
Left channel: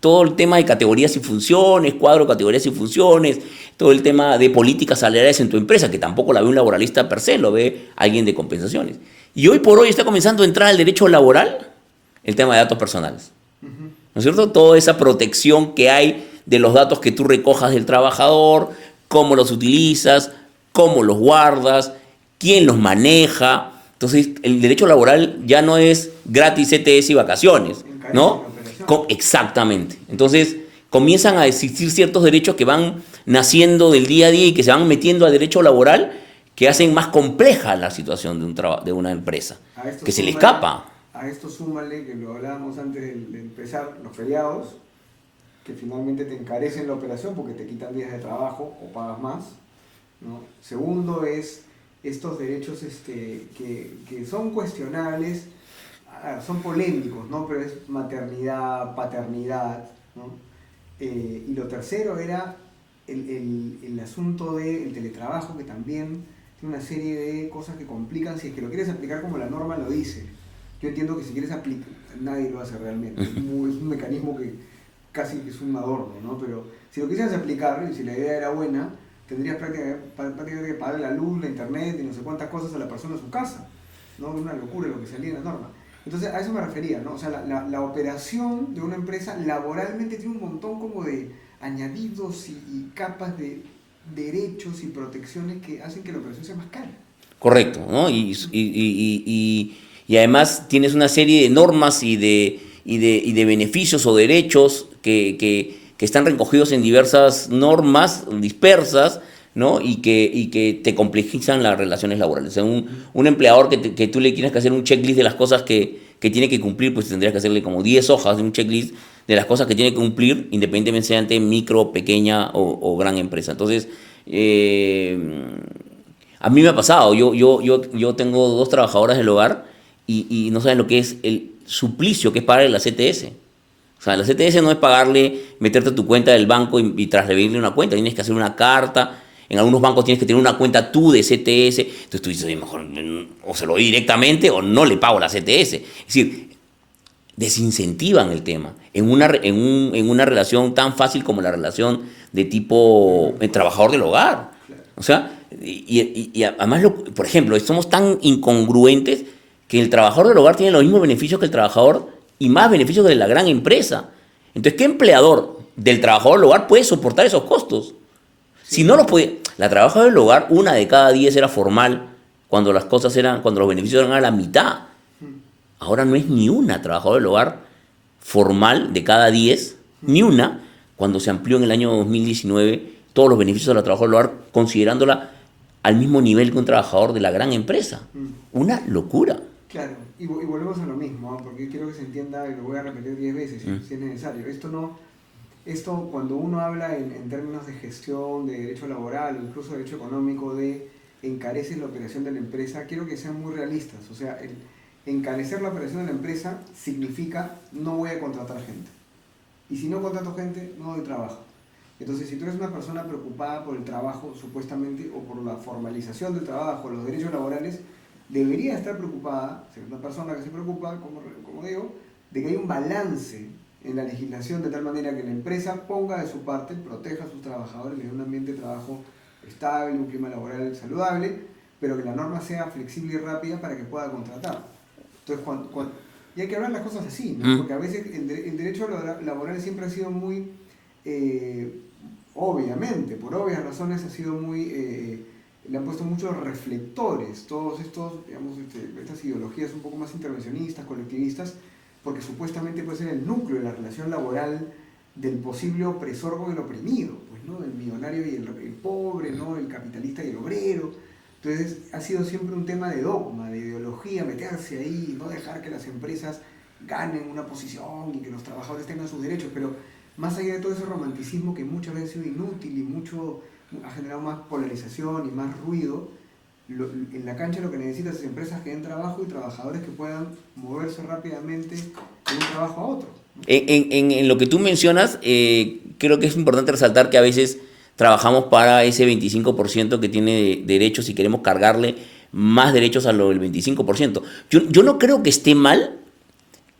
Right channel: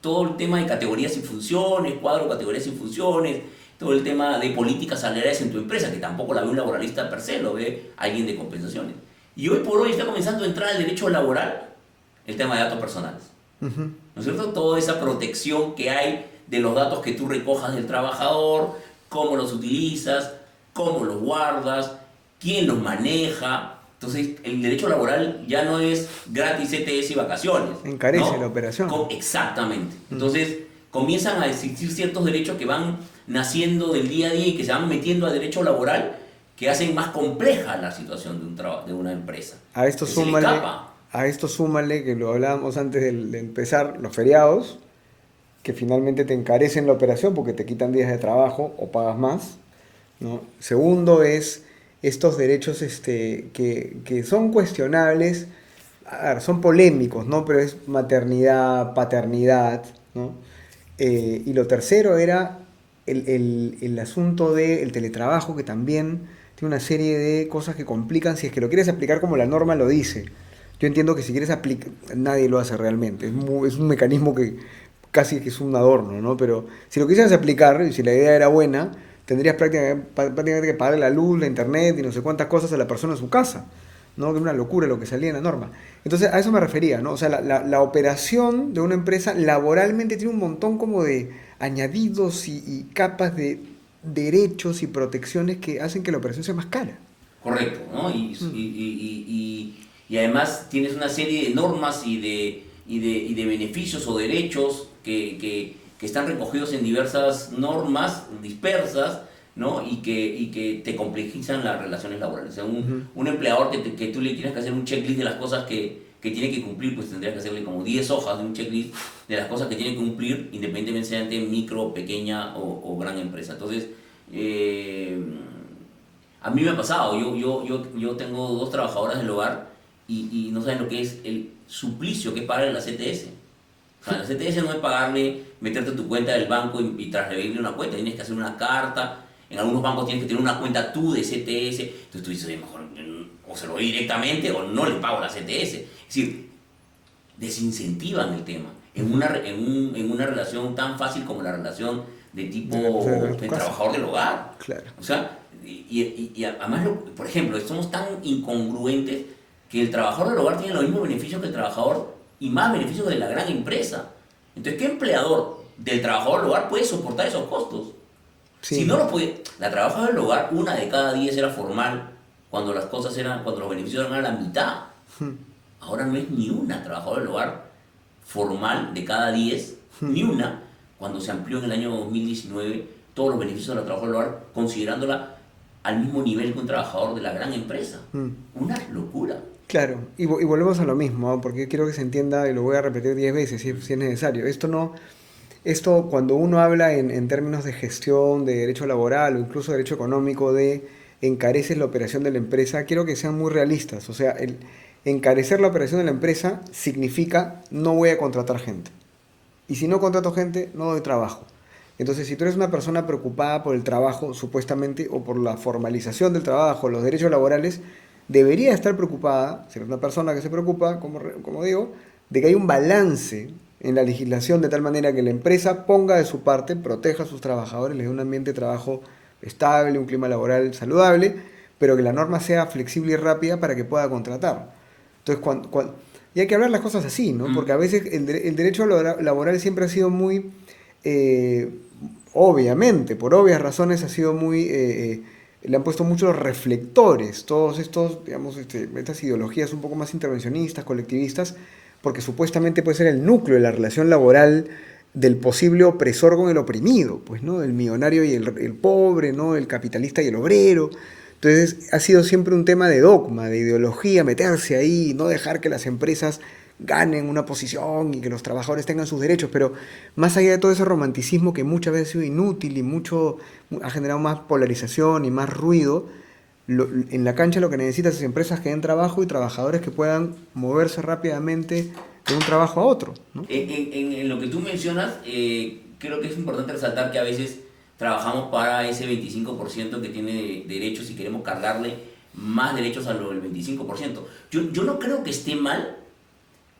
Todo el tema de categorías y funciones, cuadro de categorías y funciones, todo el tema de políticas salariales en tu empresa, que tampoco la ve un laboralista per se, lo ve alguien de compensaciones. Y hoy por hoy está comenzando a entrar al derecho laboral el tema de datos personales. ¿No es cierto? Toda esa protección que hay de los datos que tú recojas del trabajador, cómo los utilizas, cómo los guardas, quién los maneja. Entonces, el derecho laboral ya no es gratis CTS y vacaciones, Encarece ¿no? la operación. Exactamente. Entonces, comienzan a existir ciertos derechos que van naciendo del día a día y que se van metiendo al derecho laboral, que hacen más compleja la situación de una empresa, A esto que se le súmale- escapa. A esto súmale, que lo hablábamos antes de empezar, los feriados, que finalmente te encarecen la operación porque te quitan días de trabajo o pagas más, ¿no? Segundo es estos derechos que son cuestionables, a ver, son polémicos, ¿no? Pero es maternidad, paternidad, ¿no? Y lo tercero era el asunto del teletrabajo, que también tiene una serie de cosas que complican si es que lo quieres aplicar como la norma lo dice. Yo entiendo que si quieres aplicar, nadie lo hace realmente. Es un mecanismo que casi que es un adorno, ¿no? Pero si lo quisieras aplicar, y si la idea era buena, tendrías prácticamente que pagar la luz, la internet y no sé cuántas cosas a la persona en su casa, ¿no? Que es una locura lo que salía en la norma. Entonces, a eso me refería, ¿no? O sea, la operación de una empresa laboralmente tiene un montón como de añadidos y capas de derechos y protecciones que hacen que la operación sea más cara. Correcto, ¿no? Y además tienes una serie de normas y de beneficios o derechos que están recogidos en diversas normas dispersas, ¿no? Y que te complejizan las relaciones laborales. O sea, un empleador que tú le tienes que hacer un checklist de las cosas que tiene que cumplir, pues tendrías que hacerle como 10 hojas de un checklist de las cosas que tiene que cumplir, independientemente sea ante micro, pequeña o gran empresa. Entonces, a mí me ha pasado, yo tengo 2 trabajadoras del hogar y no saben lo que es el suplicio que es pagarle la CTS. O sea, la CTS no es pagarle, meterte a tu cuenta del banco y transferirle una cuenta. Tienes que hacer una carta. En algunos bancos tienes que tener una cuenta tú de CTS. Entonces tú dices, mejor o se lo doy directamente o no le pago la CTS. Es decir, desincentivan el tema en una relación tan fácil como la relación de tipo trabajador del hogar. Claro. O sea, y además, por ejemplo, somos tan incongruentes que el trabajador del hogar tiene los mismos beneficios que el trabajador y más beneficios de la gran empresa. Entonces, ¿qué empleador del trabajador del hogar puede soportar esos costos? Sí. Si no lo puede, la trabajadora del hogar, 1 de cada 10 era formal cuando las cosas eran, cuando los beneficios eran a la mitad. Ahora no es ni una trabajadora del hogar formal de cada 10, ni una, cuando se amplió en el año 2019 todos los beneficios de la trabajadora del hogar, considerándola al mismo nivel que un trabajador de la gran empresa. Una locura. Claro, y volvemos a lo mismo, ¿no? Porque quiero que se entienda, y lo voy a repetir 10 veces si es necesario. Esto cuando uno habla en términos de gestión, de derecho laboral o incluso derecho económico, de encareces la operación de la empresa, quiero que sean muy realistas. O sea, el encarecer la operación de la empresa significa no voy a contratar gente. Y si no contrato gente, no doy trabajo. Entonces, si tú eres una persona preocupada por el trabajo, supuestamente, o por la formalización del trabajo, los derechos laborales, debería estar preocupada, ser una persona que se preocupa, como digo, de que hay un balance en la legislación de tal manera que la empresa ponga de su parte, proteja a sus trabajadores, les dé un ambiente de trabajo estable, un clima laboral saludable, pero que la norma sea flexible y rápida para que pueda contratar. Entonces, y hay que hablar las cosas así, ¿no? Porque a veces el derecho laboral siempre ha sido muy, obviamente, por obvias razones, ha sido muy... le han puesto muchos reflectores, todos estos, digamos, estas ideologías un poco más intervencionistas, colectivistas, porque supuestamente puede ser el núcleo de la relación laboral del posible opresor con el oprimido, pues, ¿no? El millonario y el pobre, ¿no? El capitalista y el obrero. Entonces, ha sido siempre un tema de dogma, de ideología, meterse ahí, no dejar que las empresas ganen una posición y que los trabajadores tengan sus derechos, pero más allá de todo ese romanticismo que muchas veces ha sido inútil y ha generado más polarización y más ruido, en la cancha lo que necesitas es empresas que den trabajo y trabajadores que puedan moverse rápidamente de un trabajo a otro, ¿no? En lo que tú mencionas, creo que es importante resaltar que a veces trabajamos para ese 25% que tiene derechos y queremos cargarle más derechos a lo del 25%. Yo no creo que esté mal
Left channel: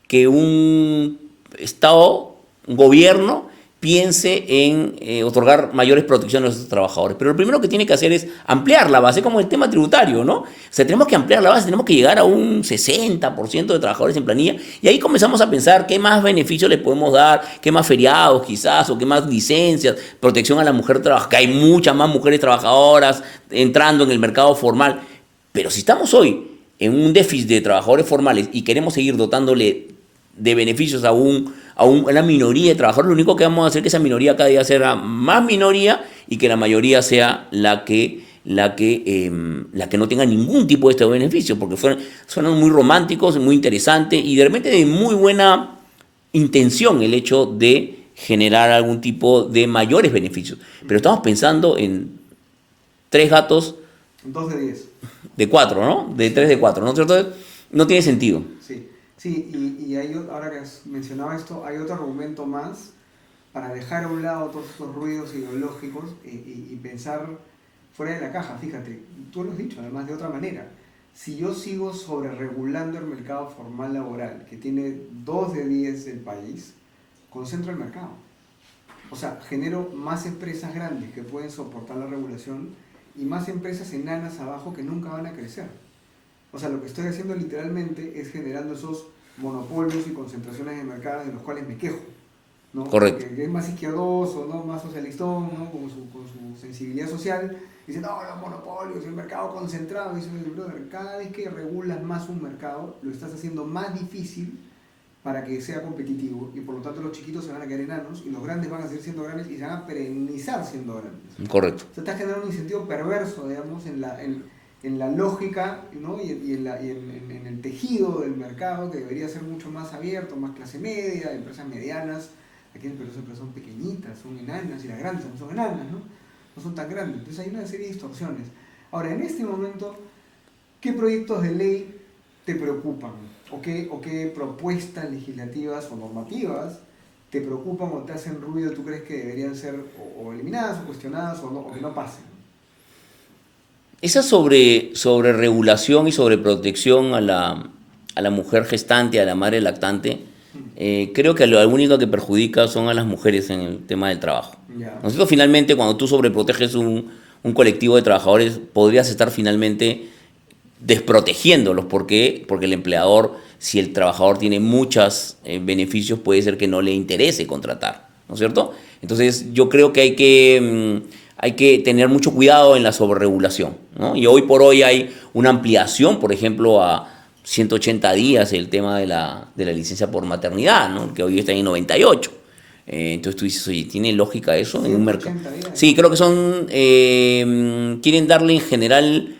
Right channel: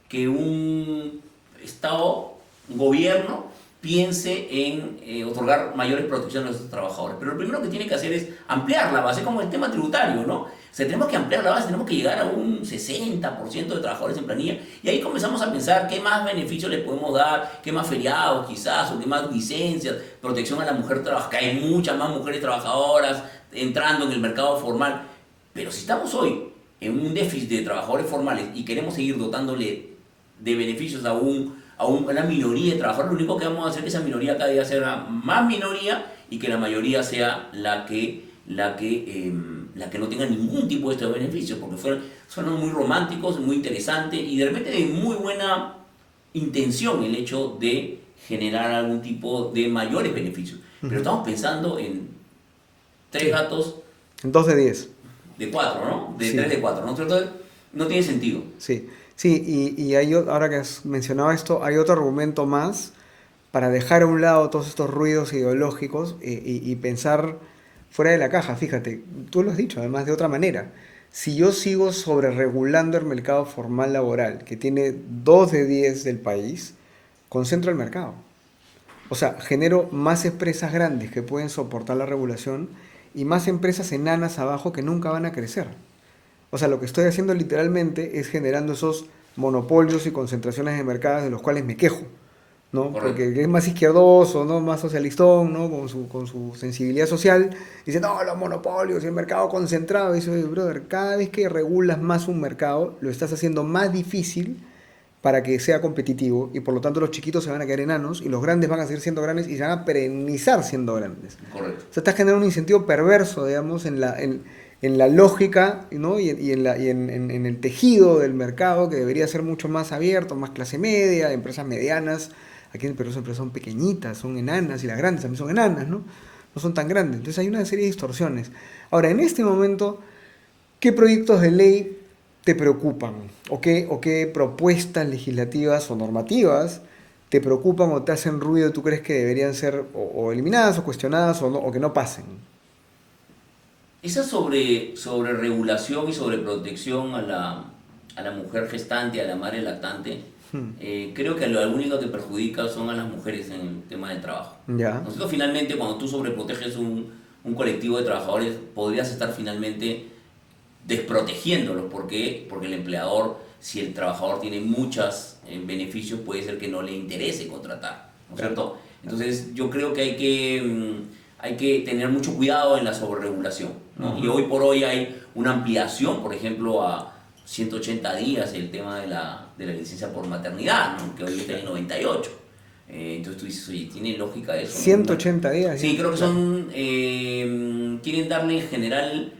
que un Estado, un gobierno, piense en otorgar mayores protecciones a sus trabajadores. Pero lo primero que tiene que hacer es ampliar la base, como el tema tributario, ¿no? O sea, tenemos que ampliar la base, tenemos que llegar a un 60% de trabajadores en planilla, y ahí comenzamos a pensar qué más beneficios les podemos dar, qué más feriados quizás, o qué más licencias, protección a la mujer trabajadora, que hay muchas más mujeres trabajadoras entrando en el mercado formal. Pero si estamos hoy en un déficit de trabajadores formales y queremos seguir dotándole de beneficios a una minoría de trabajadores, lo único que vamos a hacer es que esa minoría cada día sea más minoría y que la mayoría sea la que no tenga ningún tipo de estos beneficios, porque suenan muy románticos, muy interesantes y de repente de muy buena intención el hecho de generar algún tipo de mayores beneficios. Pero estamos pensando en 3 gatos... En 2 de 10. De 4, ¿no? De 3 de 4, ¿no? Entonces, no tiene sentido. Sí, sí, y ahora que has mencionado esto, hay otro argumento más para dejar a un lado todos estos ruidos ideológicos y pensar fuera de la caja. Fíjate, tú lo has dicho, además de otra manera. Si yo sigo sobreregulando el mercado formal laboral, que tiene 2 de 10 del país, concentro el mercado. O sea, genero más empresas grandes que pueden soportar la regulación y más empresas enanas abajo que nunca van a crecer. O sea, lo que estoy haciendo literalmente es generando esos monopolios y concentraciones de mercados de los cuales me quejo, ¿no? Correcto. Porque es más izquierdoso, ¿no? Más socialistón, ¿no? Con su sensibilidad social. Dice, no, los monopolios y el mercado concentrado. Y dice, brother, cada vez que regulas más un mercado, lo estás haciendo más difícil para que sea competitivo y por lo tanto los chiquitos se van a quedar enanos y los grandes van a seguir siendo grandes y se van a perennizar siendo grandes. Correcto. O sea, estás generando un incentivo perverso, digamos, en la lógica, ¿no? y en el tejido del mercado que debería ser mucho más abierto, más clase media, empresas medianas. Aquí en Perú las empresas son pequeñitas, son enanas, y las grandes también son enanas, ¿no? No son tan grandes. Entonces hay una serie de distorsiones. Ahora, en este momento, ¿qué proyectos de ley te preocupan? O qué propuestas legislativas o normativas te preocupan o te hacen ruido y tú crees que deberían ser o eliminadas o cuestionadas o que no pasen? Esa sobre regulación y sobre protección a la mujer gestante, a la madre lactante, creo que lo único que perjudica son a las mujeres en el tema del trabajo. Ya, Nosotros finalmente, cuando tú sobreproteges un colectivo de trabajadores, podrías estar finalmente desprotegiéndolos. ¿Por qué? Porque el empleador, si el trabajador tiene muchos beneficios, puede ser que no le interese contratar, ¿no es cierto? Entonces yo creo que hay que tener mucho cuidado en la sobreregulación, ¿no? Y hoy por hoy hay una ampliación, por ejemplo, a 180 días el tema de la licencia por maternidad, ¿no? Que hoy está en 98. Entonces tú dices, oye, ¿tiene lógica eso? 180 días. Sí, creo que son, quieren darle en general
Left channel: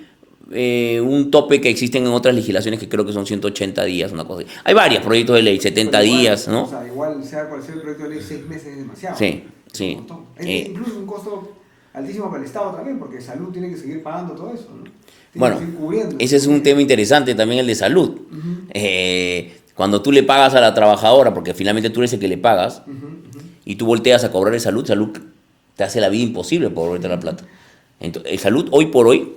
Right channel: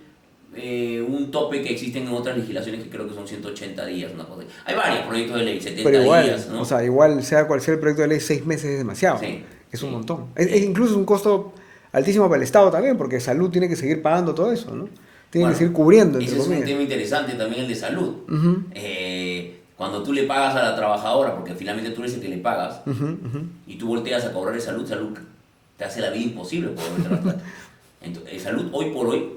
un tope que existen en otras legislaciones que creo que son 180 días, una cosa así. Hay varios proyectos de ley, 70 Pero igual, días, ¿no? O sea, igual sea cual sea el proyecto de ley, 6 meses es demasiado. Sí, Es un sí. montón. Es incluso un costo altísimo para el Estado también, porque salud tiene que seguir pagando todo eso, ¿no? Tiene Bueno, que seguir cubriendo. ese es un tema interesante también, el de salud. Cuando tú le pagas a la trabajadora, porque finalmente tú eres el que le pagas, y tú volteas a cobrar de salud, salud te hace la vida imposible por volverte la plata. Entonces, salud hoy por hoy,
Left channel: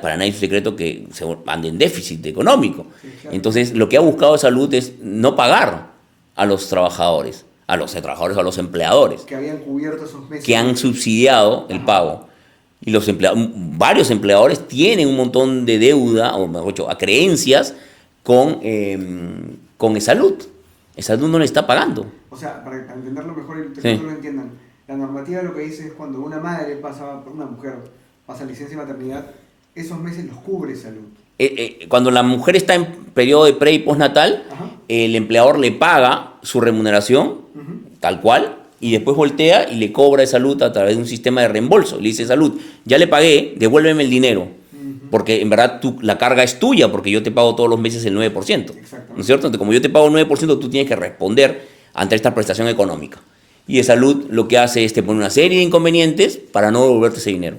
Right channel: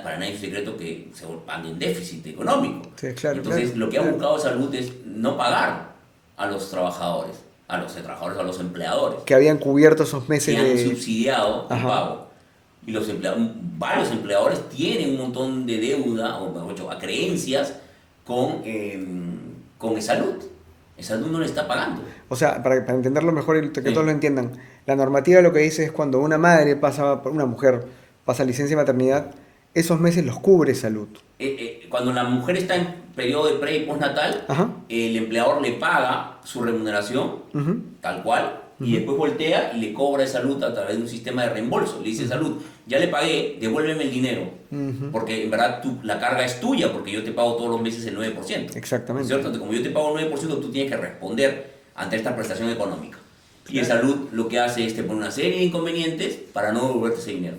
para nadie es un secreto que se anda en déficit económico. Sí, claro, Entonces, claro. lo que ha buscado salud es no pagar a los trabajadores, a los empleadores, Que habían cubierto esos meses. que han de- subsidiado el Ajá. pago. Y varios empleadores tienen un montón de deuda, o mejor dicho, a creencias con Esalud. Esalud no le está pagando. O sea, para entenderlo mejor y que Sí. todos lo entiendan, la normativa lo que dice es cuando una madre pasa, una mujer pasa licencia de maternidad, esos meses los cubre salud. Cuando la mujer está en periodo de pre y postnatal, Ajá. el empleador le paga su remuneración, Ujú. tal cual, y después voltea y le cobra de salud a través de un sistema de reembolso. Le dice, salud, ya le pagué, devuélveme el dinero. Porque en verdad la carga es tuya, porque yo te pago todos los meses el 9%. Exactamente. ¿No es cierto? Entonces, como yo te pago el 9%, tú tienes que responder ante esta prestación económica. Y de salud lo que hace es te pone una serie de inconvenientes para no devolverte ese dinero.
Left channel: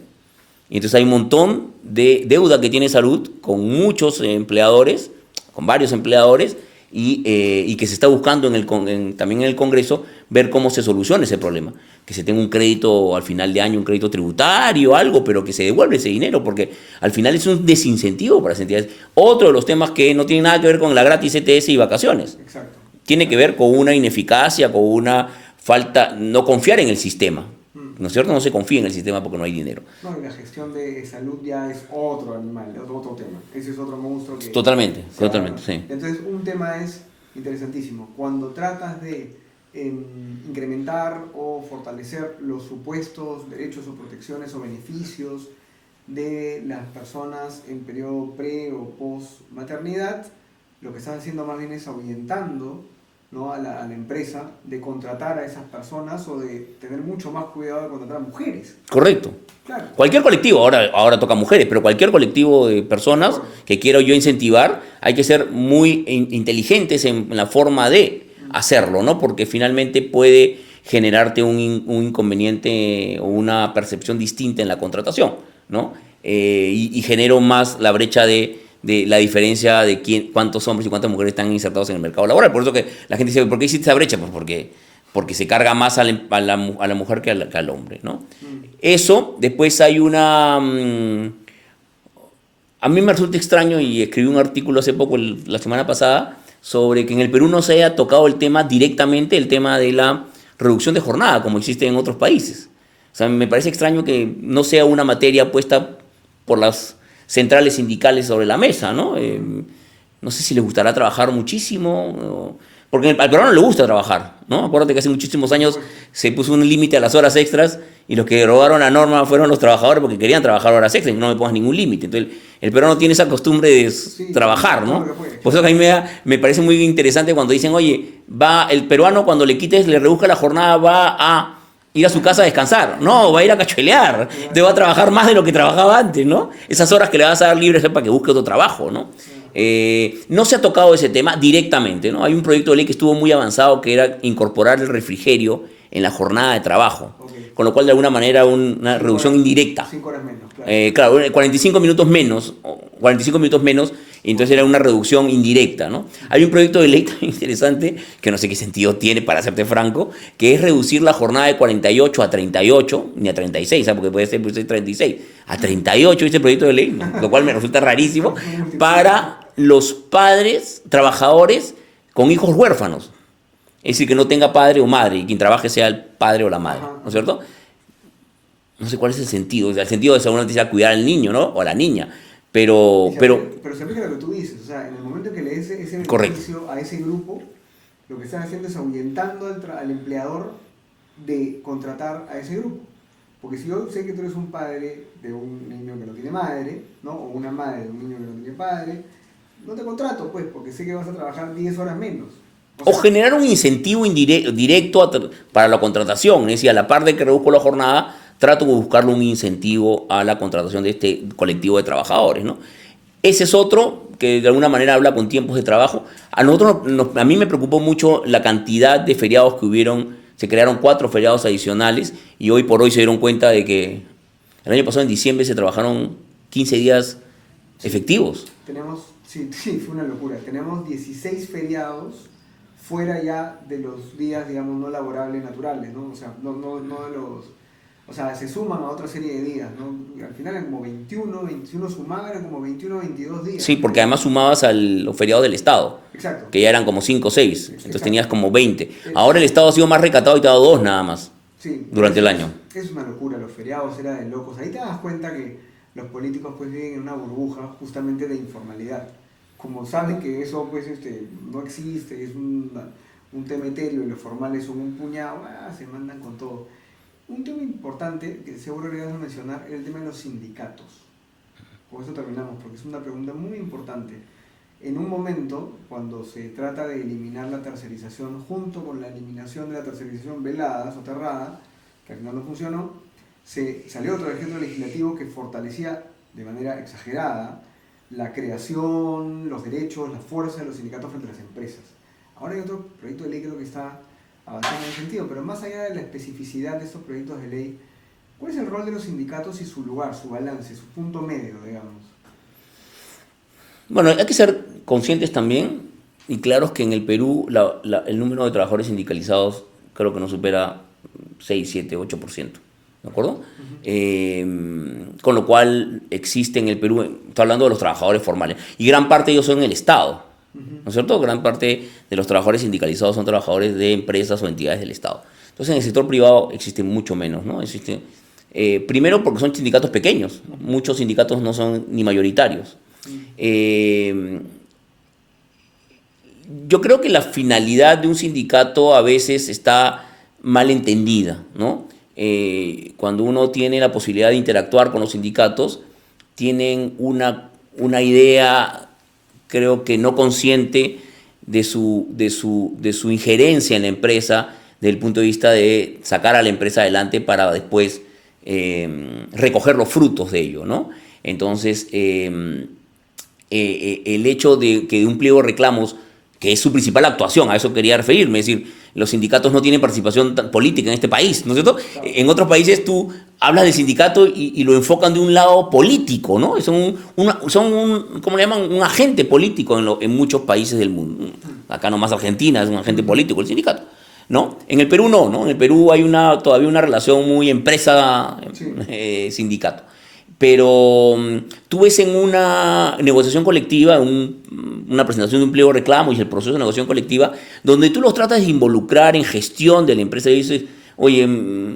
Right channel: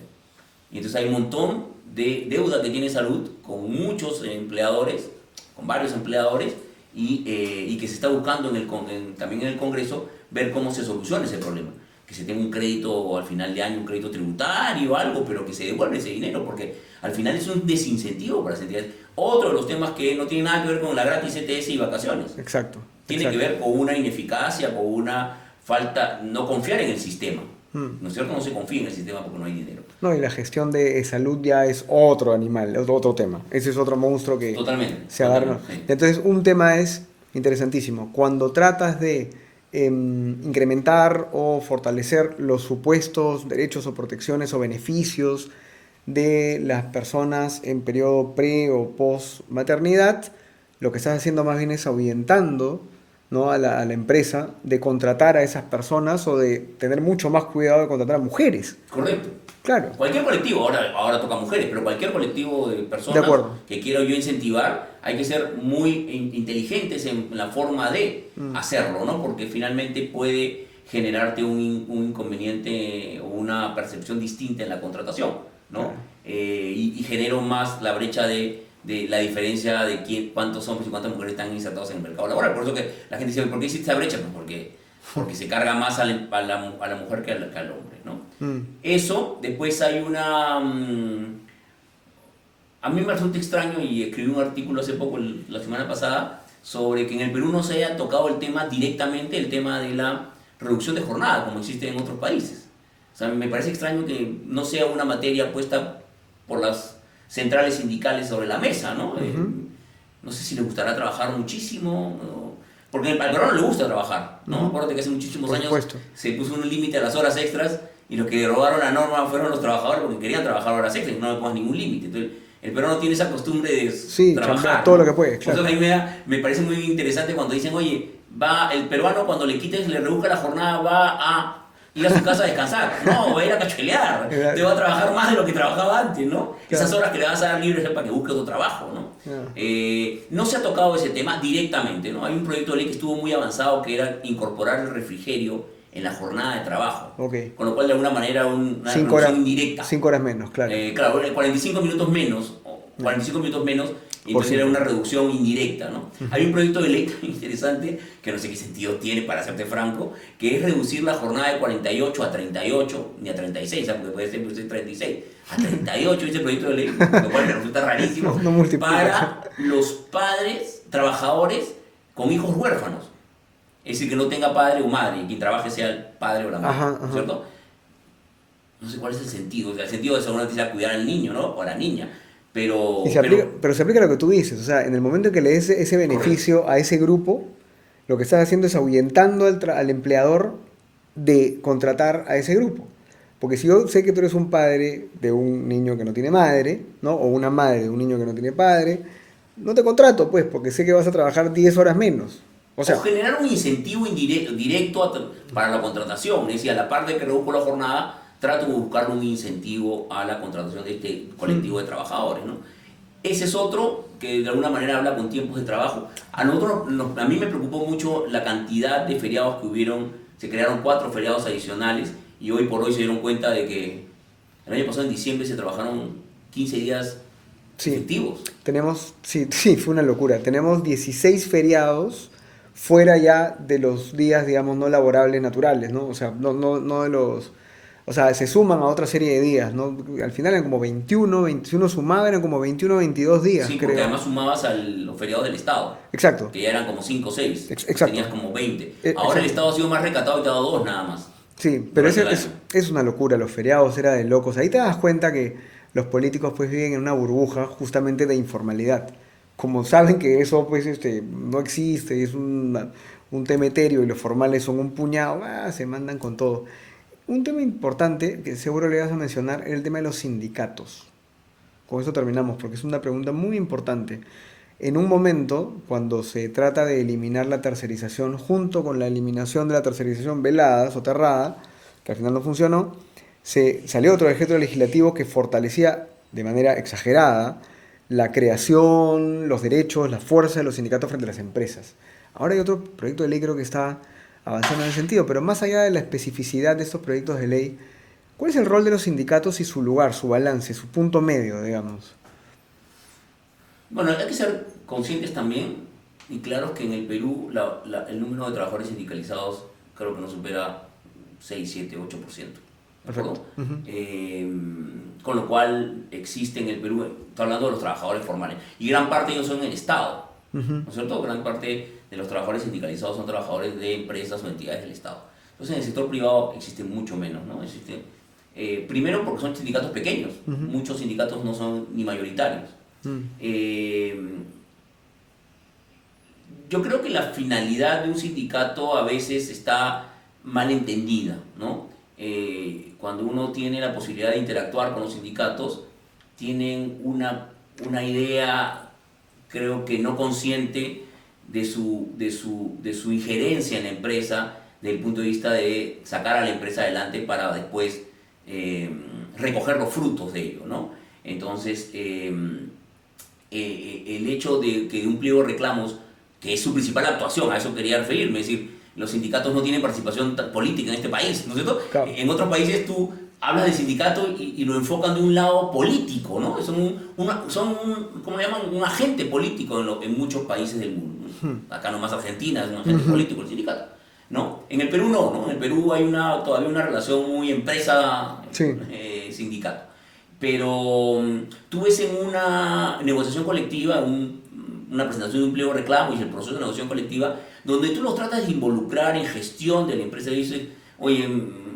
Y entonces hay un montón de deuda que tiene salud con muchos empleadores, con varios empleadores, y que se está buscando también en el Congreso ver cómo se soluciona ese problema. Que se tenga un crédito al final de año, un crédito tributario, algo, pero que se devuelva ese dinero, porque al final es un desincentivo para las entidades. Otro de los temas que no tiene nada que ver con la gratis ETS y vacaciones. Exacto. Tiene que ver con una ineficacia, con una falta, no confiar en el sistema. ¿No es cierto? No se confía en el sistema porque no hay dinero. No, y la gestión de salud ya es otro animal, es otro tema. Ese es otro monstruo que Totalmente, se agarra. totalmente, sí. Entonces, un tema es interesantísimo. Cuando tratas de incrementar o fortalecer los supuestos derechos o protecciones o beneficios de las personas en periodo pre o post maternidad, lo que estás haciendo más bien es ahuyentando, ¿no?, a la empresa de contratar a esas personas o de tener mucho más cuidado de contratar a mujeres. Correcto. Claro. Cualquier colectivo, ahora toca mujeres, pero cualquier colectivo de personas De acuerdo. que quiero yo incentivar, hay que ser muy inteligentes en la forma de hacerlo, ¿no? Porque finalmente puede generarte un inconveniente o una percepción distinta en la contratación, ¿no? Y genero más la brecha de la diferencia de cuántos hombres y cuántas mujeres están insertados en el mercado laboral. Por eso que la gente dice, ¿por qué existe esa brecha? Pues porque se carga más a la mujer que al hombre, ¿no? Eso, después hay a mí me resulta extraño, y escribí un artículo hace poco, la semana pasada, sobre que en el Perú no se haya tocado el tema directamente, el tema de la reducción de jornada, como existe en otros países. O sea, me parece extraño que no sea una materia puesta por las centrales sindicales sobre la mesa, ¿no? No sé si les gustará trabajar muchísimo, porque al peruano le gusta trabajar, ¿no? Acuérdate que hace muchísimos años supuesto. se puso un límite a las horas extras y los que derogaron la norma fueron los trabajadores porque querían trabajar horas extras y no me pongas ningún límite. Entonces, el peruano tiene esa costumbre de trabajar, todo ¿no? lo que puede, Por eso claro. que a mí me parece muy interesante cuando dicen, oye, el peruano cuando le reduzca la jornada va a ir a su casa a descansar. No, va a ir a cachuelear. Te va a trabajar más de lo que trabajaba antes, ¿no? Esas horas que le vas a dar libres es para que busque otro trabajo, ¿no? No se ha tocado ese tema directamente, ¿no? Hay un proyecto de ley que estuvo muy avanzado que era incorporar el refrigerio en la jornada de trabajo. Ok. Con lo cual, de alguna manera, una 5 reducción horas, indirecta. 5 horas menos, claro. Claro, 45 minutos menos Y entonces era una reducción indirecta, ¿no? Hay un proyecto de ley también interesante, que no sé qué sentido tiene, para serte franco, que es reducir la jornada de 48 a 38, ni a 36, ¿sabes? Porque puede ser 36, a 38 ese proyecto de ley, lo cual me resulta rarísimo, No para los padres, trabajadores con hijos huérfanos. Es decir, que no tenga padre o madre, y quien trabaje sea el padre o la madre, Ajá, ¿no es cierto? No sé cuál es el sentido. O sea, el sentido de seguramente sea cuidar al niño, ¿no? O a la niña. Pero, Pero se aplica lo que tú dices, o sea, en el momento en que le des ese correcto. beneficio a ese grupo, lo que estás haciendo es ahuyentando al empleador de contratar a ese grupo. Porque si yo sé que tú eres un padre de un niño que no tiene madre, ¿no? O una madre de un niño que no tiene padre, no te contrato, pues, porque sé que vas a trabajar 10 horas menos. O O sea, generar un incentivo directo para la contratación. Es decir, a la par de que reduzco la jornada, trato de buscarle un incentivo a la contratación de este colectivo de trabajadores, ¿no? Ese es otro que de alguna manera habla con tiempos de trabajo. A mí me preocupó mucho la cantidad de feriados que hubieron. Se crearon 4 feriados adicionales y hoy por hoy se dieron cuenta de que el año pasado en diciembre se trabajaron 15 días sí, efectivos. sí, fue una locura. Tenemos 16 feriados fuera ya de los días, digamos, no laborables naturales, ¿no? O sea, no de los... O sea, se suman a otra serie de días, ¿no? Al final eran como 21, 21 sumaba, eran como 21, 22 días, Sí, porque creo. además sumabas a los feriados del Estado, Exacto, que ya eran como 5 o 6, entonces exacto, tenías como 20. Ahora el exacto. Estado ha sido más recatado y te ha dado 2 nada más Sí, pero durante el año. es una locura, los feriados era de locos. Ahí te das cuenta que los políticos pues viven en una burbuja justamente de informalidad. Como saben que eso pues no existe, es un tema etéreo y los formales son un puñado, se mandan con todo. Un tema importante que seguro le vas a mencionar es el tema de los sindicatos. Con eso terminamos, porque es una pregunta muy importante. En un momento, cuando se trata de eliminar la tercerización junto con la eliminación de la tercerización velada, soterrada, que al final no funcionó, se salió otro decreto legislativo que fortalecía de manera exagerada la creación, los derechos, la fuerza de los sindicatos frente a las empresas. Ahora hay otro proyecto de ley creo que está avanzando en ese sentido, pero más allá de la especificidad de estos proyectos de ley, ¿cuál es el rol de los sindicatos y su lugar, su balance, su punto medio, digamos? Bueno, hay que ser conscientes también y claros que en el Perú el número de trabajadores sindicalizados creo que no supera 6, 7, 8%. ¿De acuerdo? Correcto. Ujú. Con lo cual existe en el Perú, estoy hablando de los trabajadores formales, y gran parte de ellos son en el Estado, Ujú. ¿no es cierto? Gran parte de los trabajadores sindicalizados son trabajadores de empresas o entidades del Estado. Entonces en el sector privado existe mucho menos, ¿no? Primero porque son sindicatos pequeños, Ujú. muchos sindicatos no son ni mayoritarios. Mm. Eh, yo creo que la finalidad de un sindicato a veces está mal entendida, ¿no? Cuando uno tiene la posibilidad de interactuar con los sindicatos, tienen una idea, creo que no consciente, de su injerencia en la empresa, desde el punto de vista de sacar a la empresa adelante para después recoger los frutos de ello, ¿no? Entonces, el hecho de que de un pliego de reclamos, que es su principal actuación, a eso quería referirme, es decir, los sindicatos no tienen participación política en este país, ¿no es cierto? Claro. En otros países tú hablas del sindicato y lo enfocan de un lado político, ¿no? ¿Cómo le llaman? Un agente político en muchos países del mundo. Acá nomás Argentina es un agente Ujú. político, el sindicato. ¿No? En el Perú no, ¿no? En el Perú hay todavía una relación muy Sí. empresa-sindicato. Pero tú ves en una negociación colectiva, una presentación de un pliego de reclamo y el proceso de negociación colectiva, donde tú los tratas de involucrar en gestión de la empresa y dices, oye,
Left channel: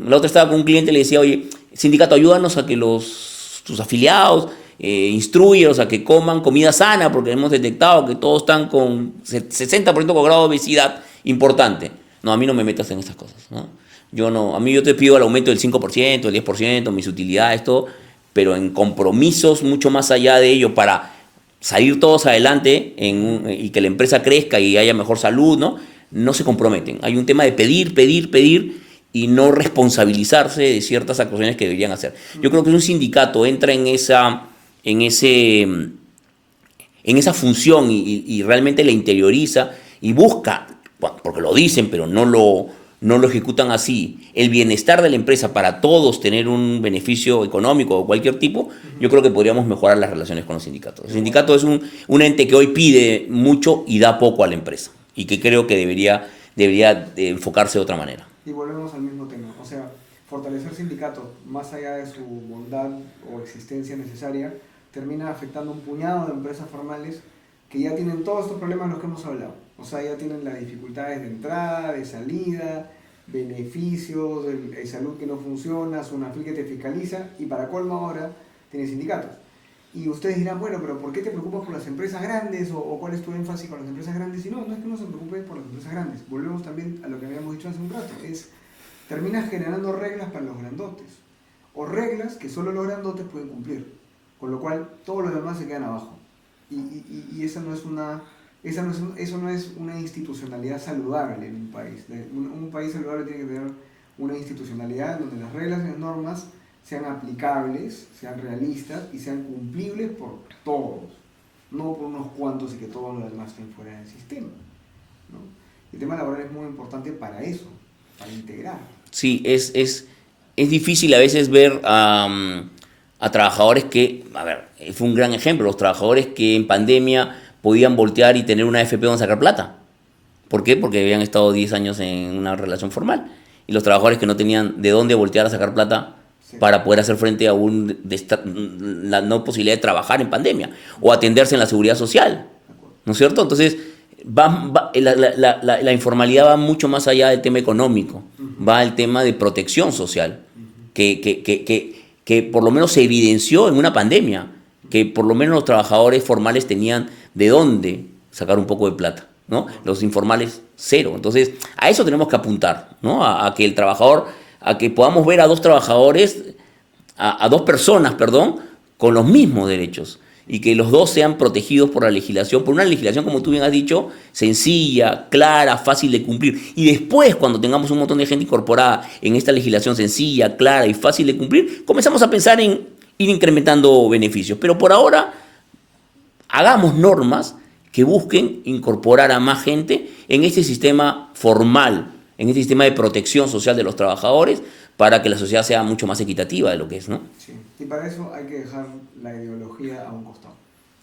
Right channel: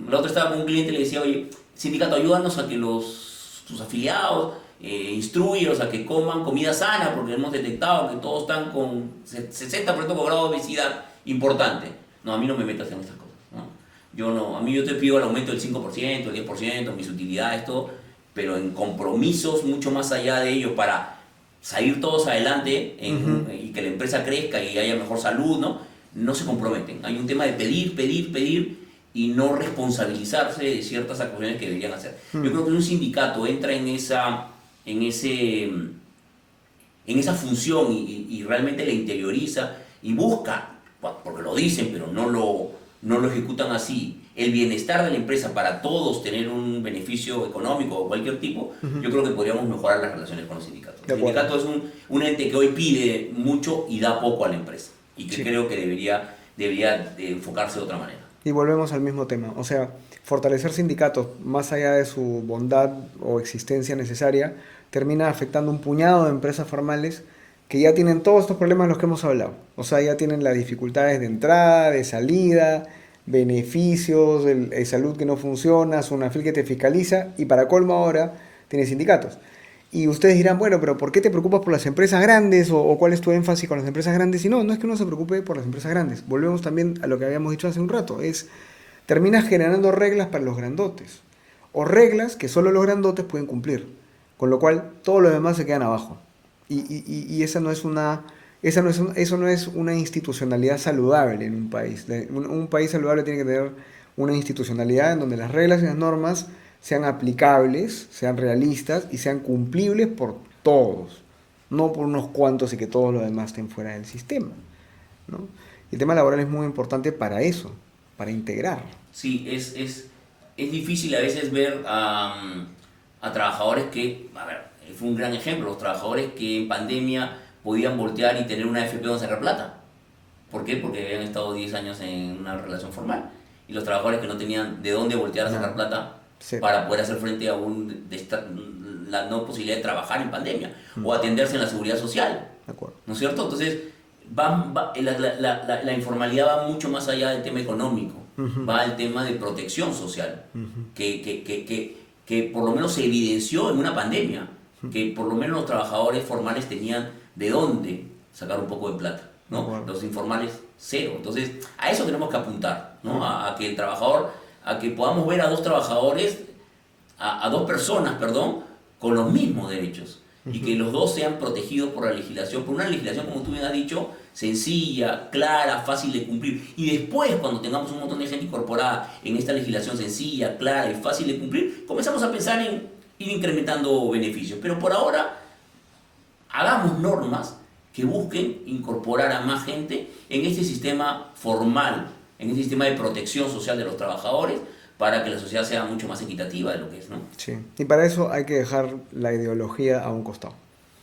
la otra estaba con un cliente y le decía, oye, sindicato, ayúdanos a que tus afiliados instruyenos a que coman comida sana porque hemos detectado que todos están con 60% con grado de obesidad importante. No, a mí no me metas en estas cosas, ¿no? Yo te pido el aumento del 5%, el 10%, mis utilidades, todo, pero en compromisos mucho más allá de ello para salir todos adelante Ujú. y que la empresa crezca y haya mejor salud, ¿no? No se comprometen. Hay un tema de pedir, pedir, pedir y no responsabilizarse de ciertas actuaciones que deberían hacer. Yo Mm. creo que un sindicato entra en ese, en esa función y realmente la interioriza y busca, bueno, porque lo dicen, pero no lo ejecutan así, el bienestar de la empresa para todos tener un beneficio económico o cualquier tipo, yo creo que podríamos mejorar las relaciones con los sindicatos. El sindicato es un ente que hoy pide mucho y da poco a la empresa y que creo que debería de enfocarse de otra manera. Y volvemos al mismo tema, o sea, fortalecer sindicatos más allá de su bondad o existencia necesaria, termina afectando un puñado de empresas formales que ya tienen todos estos problemas de los que hemos hablado. O sea, ya tienen las dificultades de entrada, de salida, beneficios, salud que no funciona, SUNAFIL que te fiscaliza, y para colmo ahora tienes sindicatos. Y ustedes dirán, bueno, pero ¿por qué te preocupas por las empresas grandes? ¿O cuál es tu énfasis con las empresas grandes? Y no, no es que uno se preocupe por las empresas grandes. Volvemos también a lo que habíamos dicho hace un rato. Termina generando reglas para los grandotes. O reglas que solo los grandotes pueden cumplir. Con lo cual, todos los demás se quedan abajo. Y eso no es una institucionalidad saludable en un país. Un país saludable tiene que tener una institucionalidad en donde las reglas y las normas sean aplicables, sean realistas y sean cumplibles por todos, no por unos cuantos y que todos los demás estén fuera del sistema, ¿no? Y el tema laboral es muy importante para eso, para integrar. Sí, es difícil a veces ver a trabajadores que, a ver, fue un gran ejemplo, los trabajadores que en pandemia podían voltear y tener una AFP donde sacar plata. ¿Por qué? Porque habían estado 10 años en una relación formal. Y los trabajadores que no tenían de dónde voltear a sacar plata para poder hacer frente a la no posibilidad de trabajar en pandemia o atenderse en la seguridad social. ¿No es cierto? Entonces, la informalidad va mucho más allá del tema económico, va al tema de protección social, que por lo menos se evidenció en una pandemia, que por lo menos los trabajadores formales tenían de dónde sacar un poco de plata, ¿no? Los informales, cero. Entonces, a eso tenemos que apuntar, ¿no? A que el trabajador, a que podamos ver a dos trabajadores, a dos personas, perdón, con los mismos derechos y que los dos sean protegidos por la legislación, por una legislación, como tú bien has dicho, sencilla, clara, fácil de cumplir. Y después, cuando tengamos un montón de gente incorporada en esta legislación sencilla, clara y fácil de cumplir, comenzamos a pensar en ir incrementando beneficios. Pero por ahora, hagamos normas que busquen incorporar a más gente en este sistema formal, en este sistema de protección social de los trabajadores, para que la sociedad sea mucho más equitativa de lo que es, ¿no? Sí, y para eso hay que dejar la ideología a un costado.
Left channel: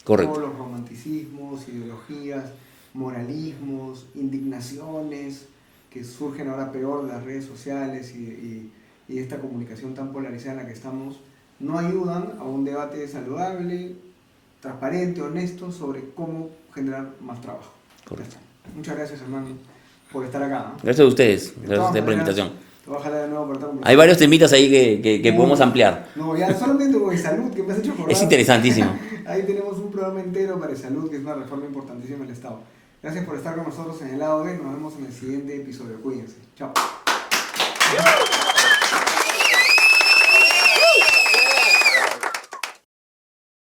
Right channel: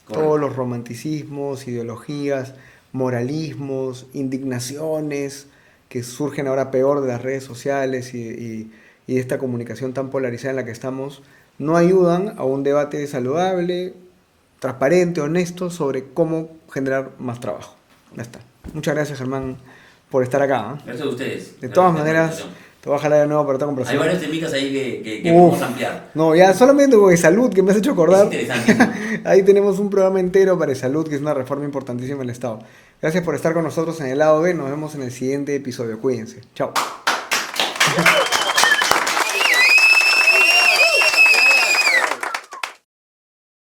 Correcto. Todos los romanticismos, ideologías, moralismos, indignaciones que surgen ahora peor de las redes sociales y de esta comunicación tan polarizada en la que estamos, no ayudan a un debate saludable, transparente, honesto sobre cómo generar más trabajo. Ya está. Muchas gracias, Germán, por estar acá, ¿eh? Gracias a ustedes. De todas maneras, te voy a jalar de nuevo para esta conversación. Hay varios temitas ahí que podemos ampliar. No, ya solamente con salud, que me has hecho acordar. Es interesantísimo. Ahí tenemos un programa entero para salud, que es una reforma importantísima del Estado. Gracias por estar con nosotros en el lado B. Nos vemos en el siguiente episodio. Cuídense. Chao.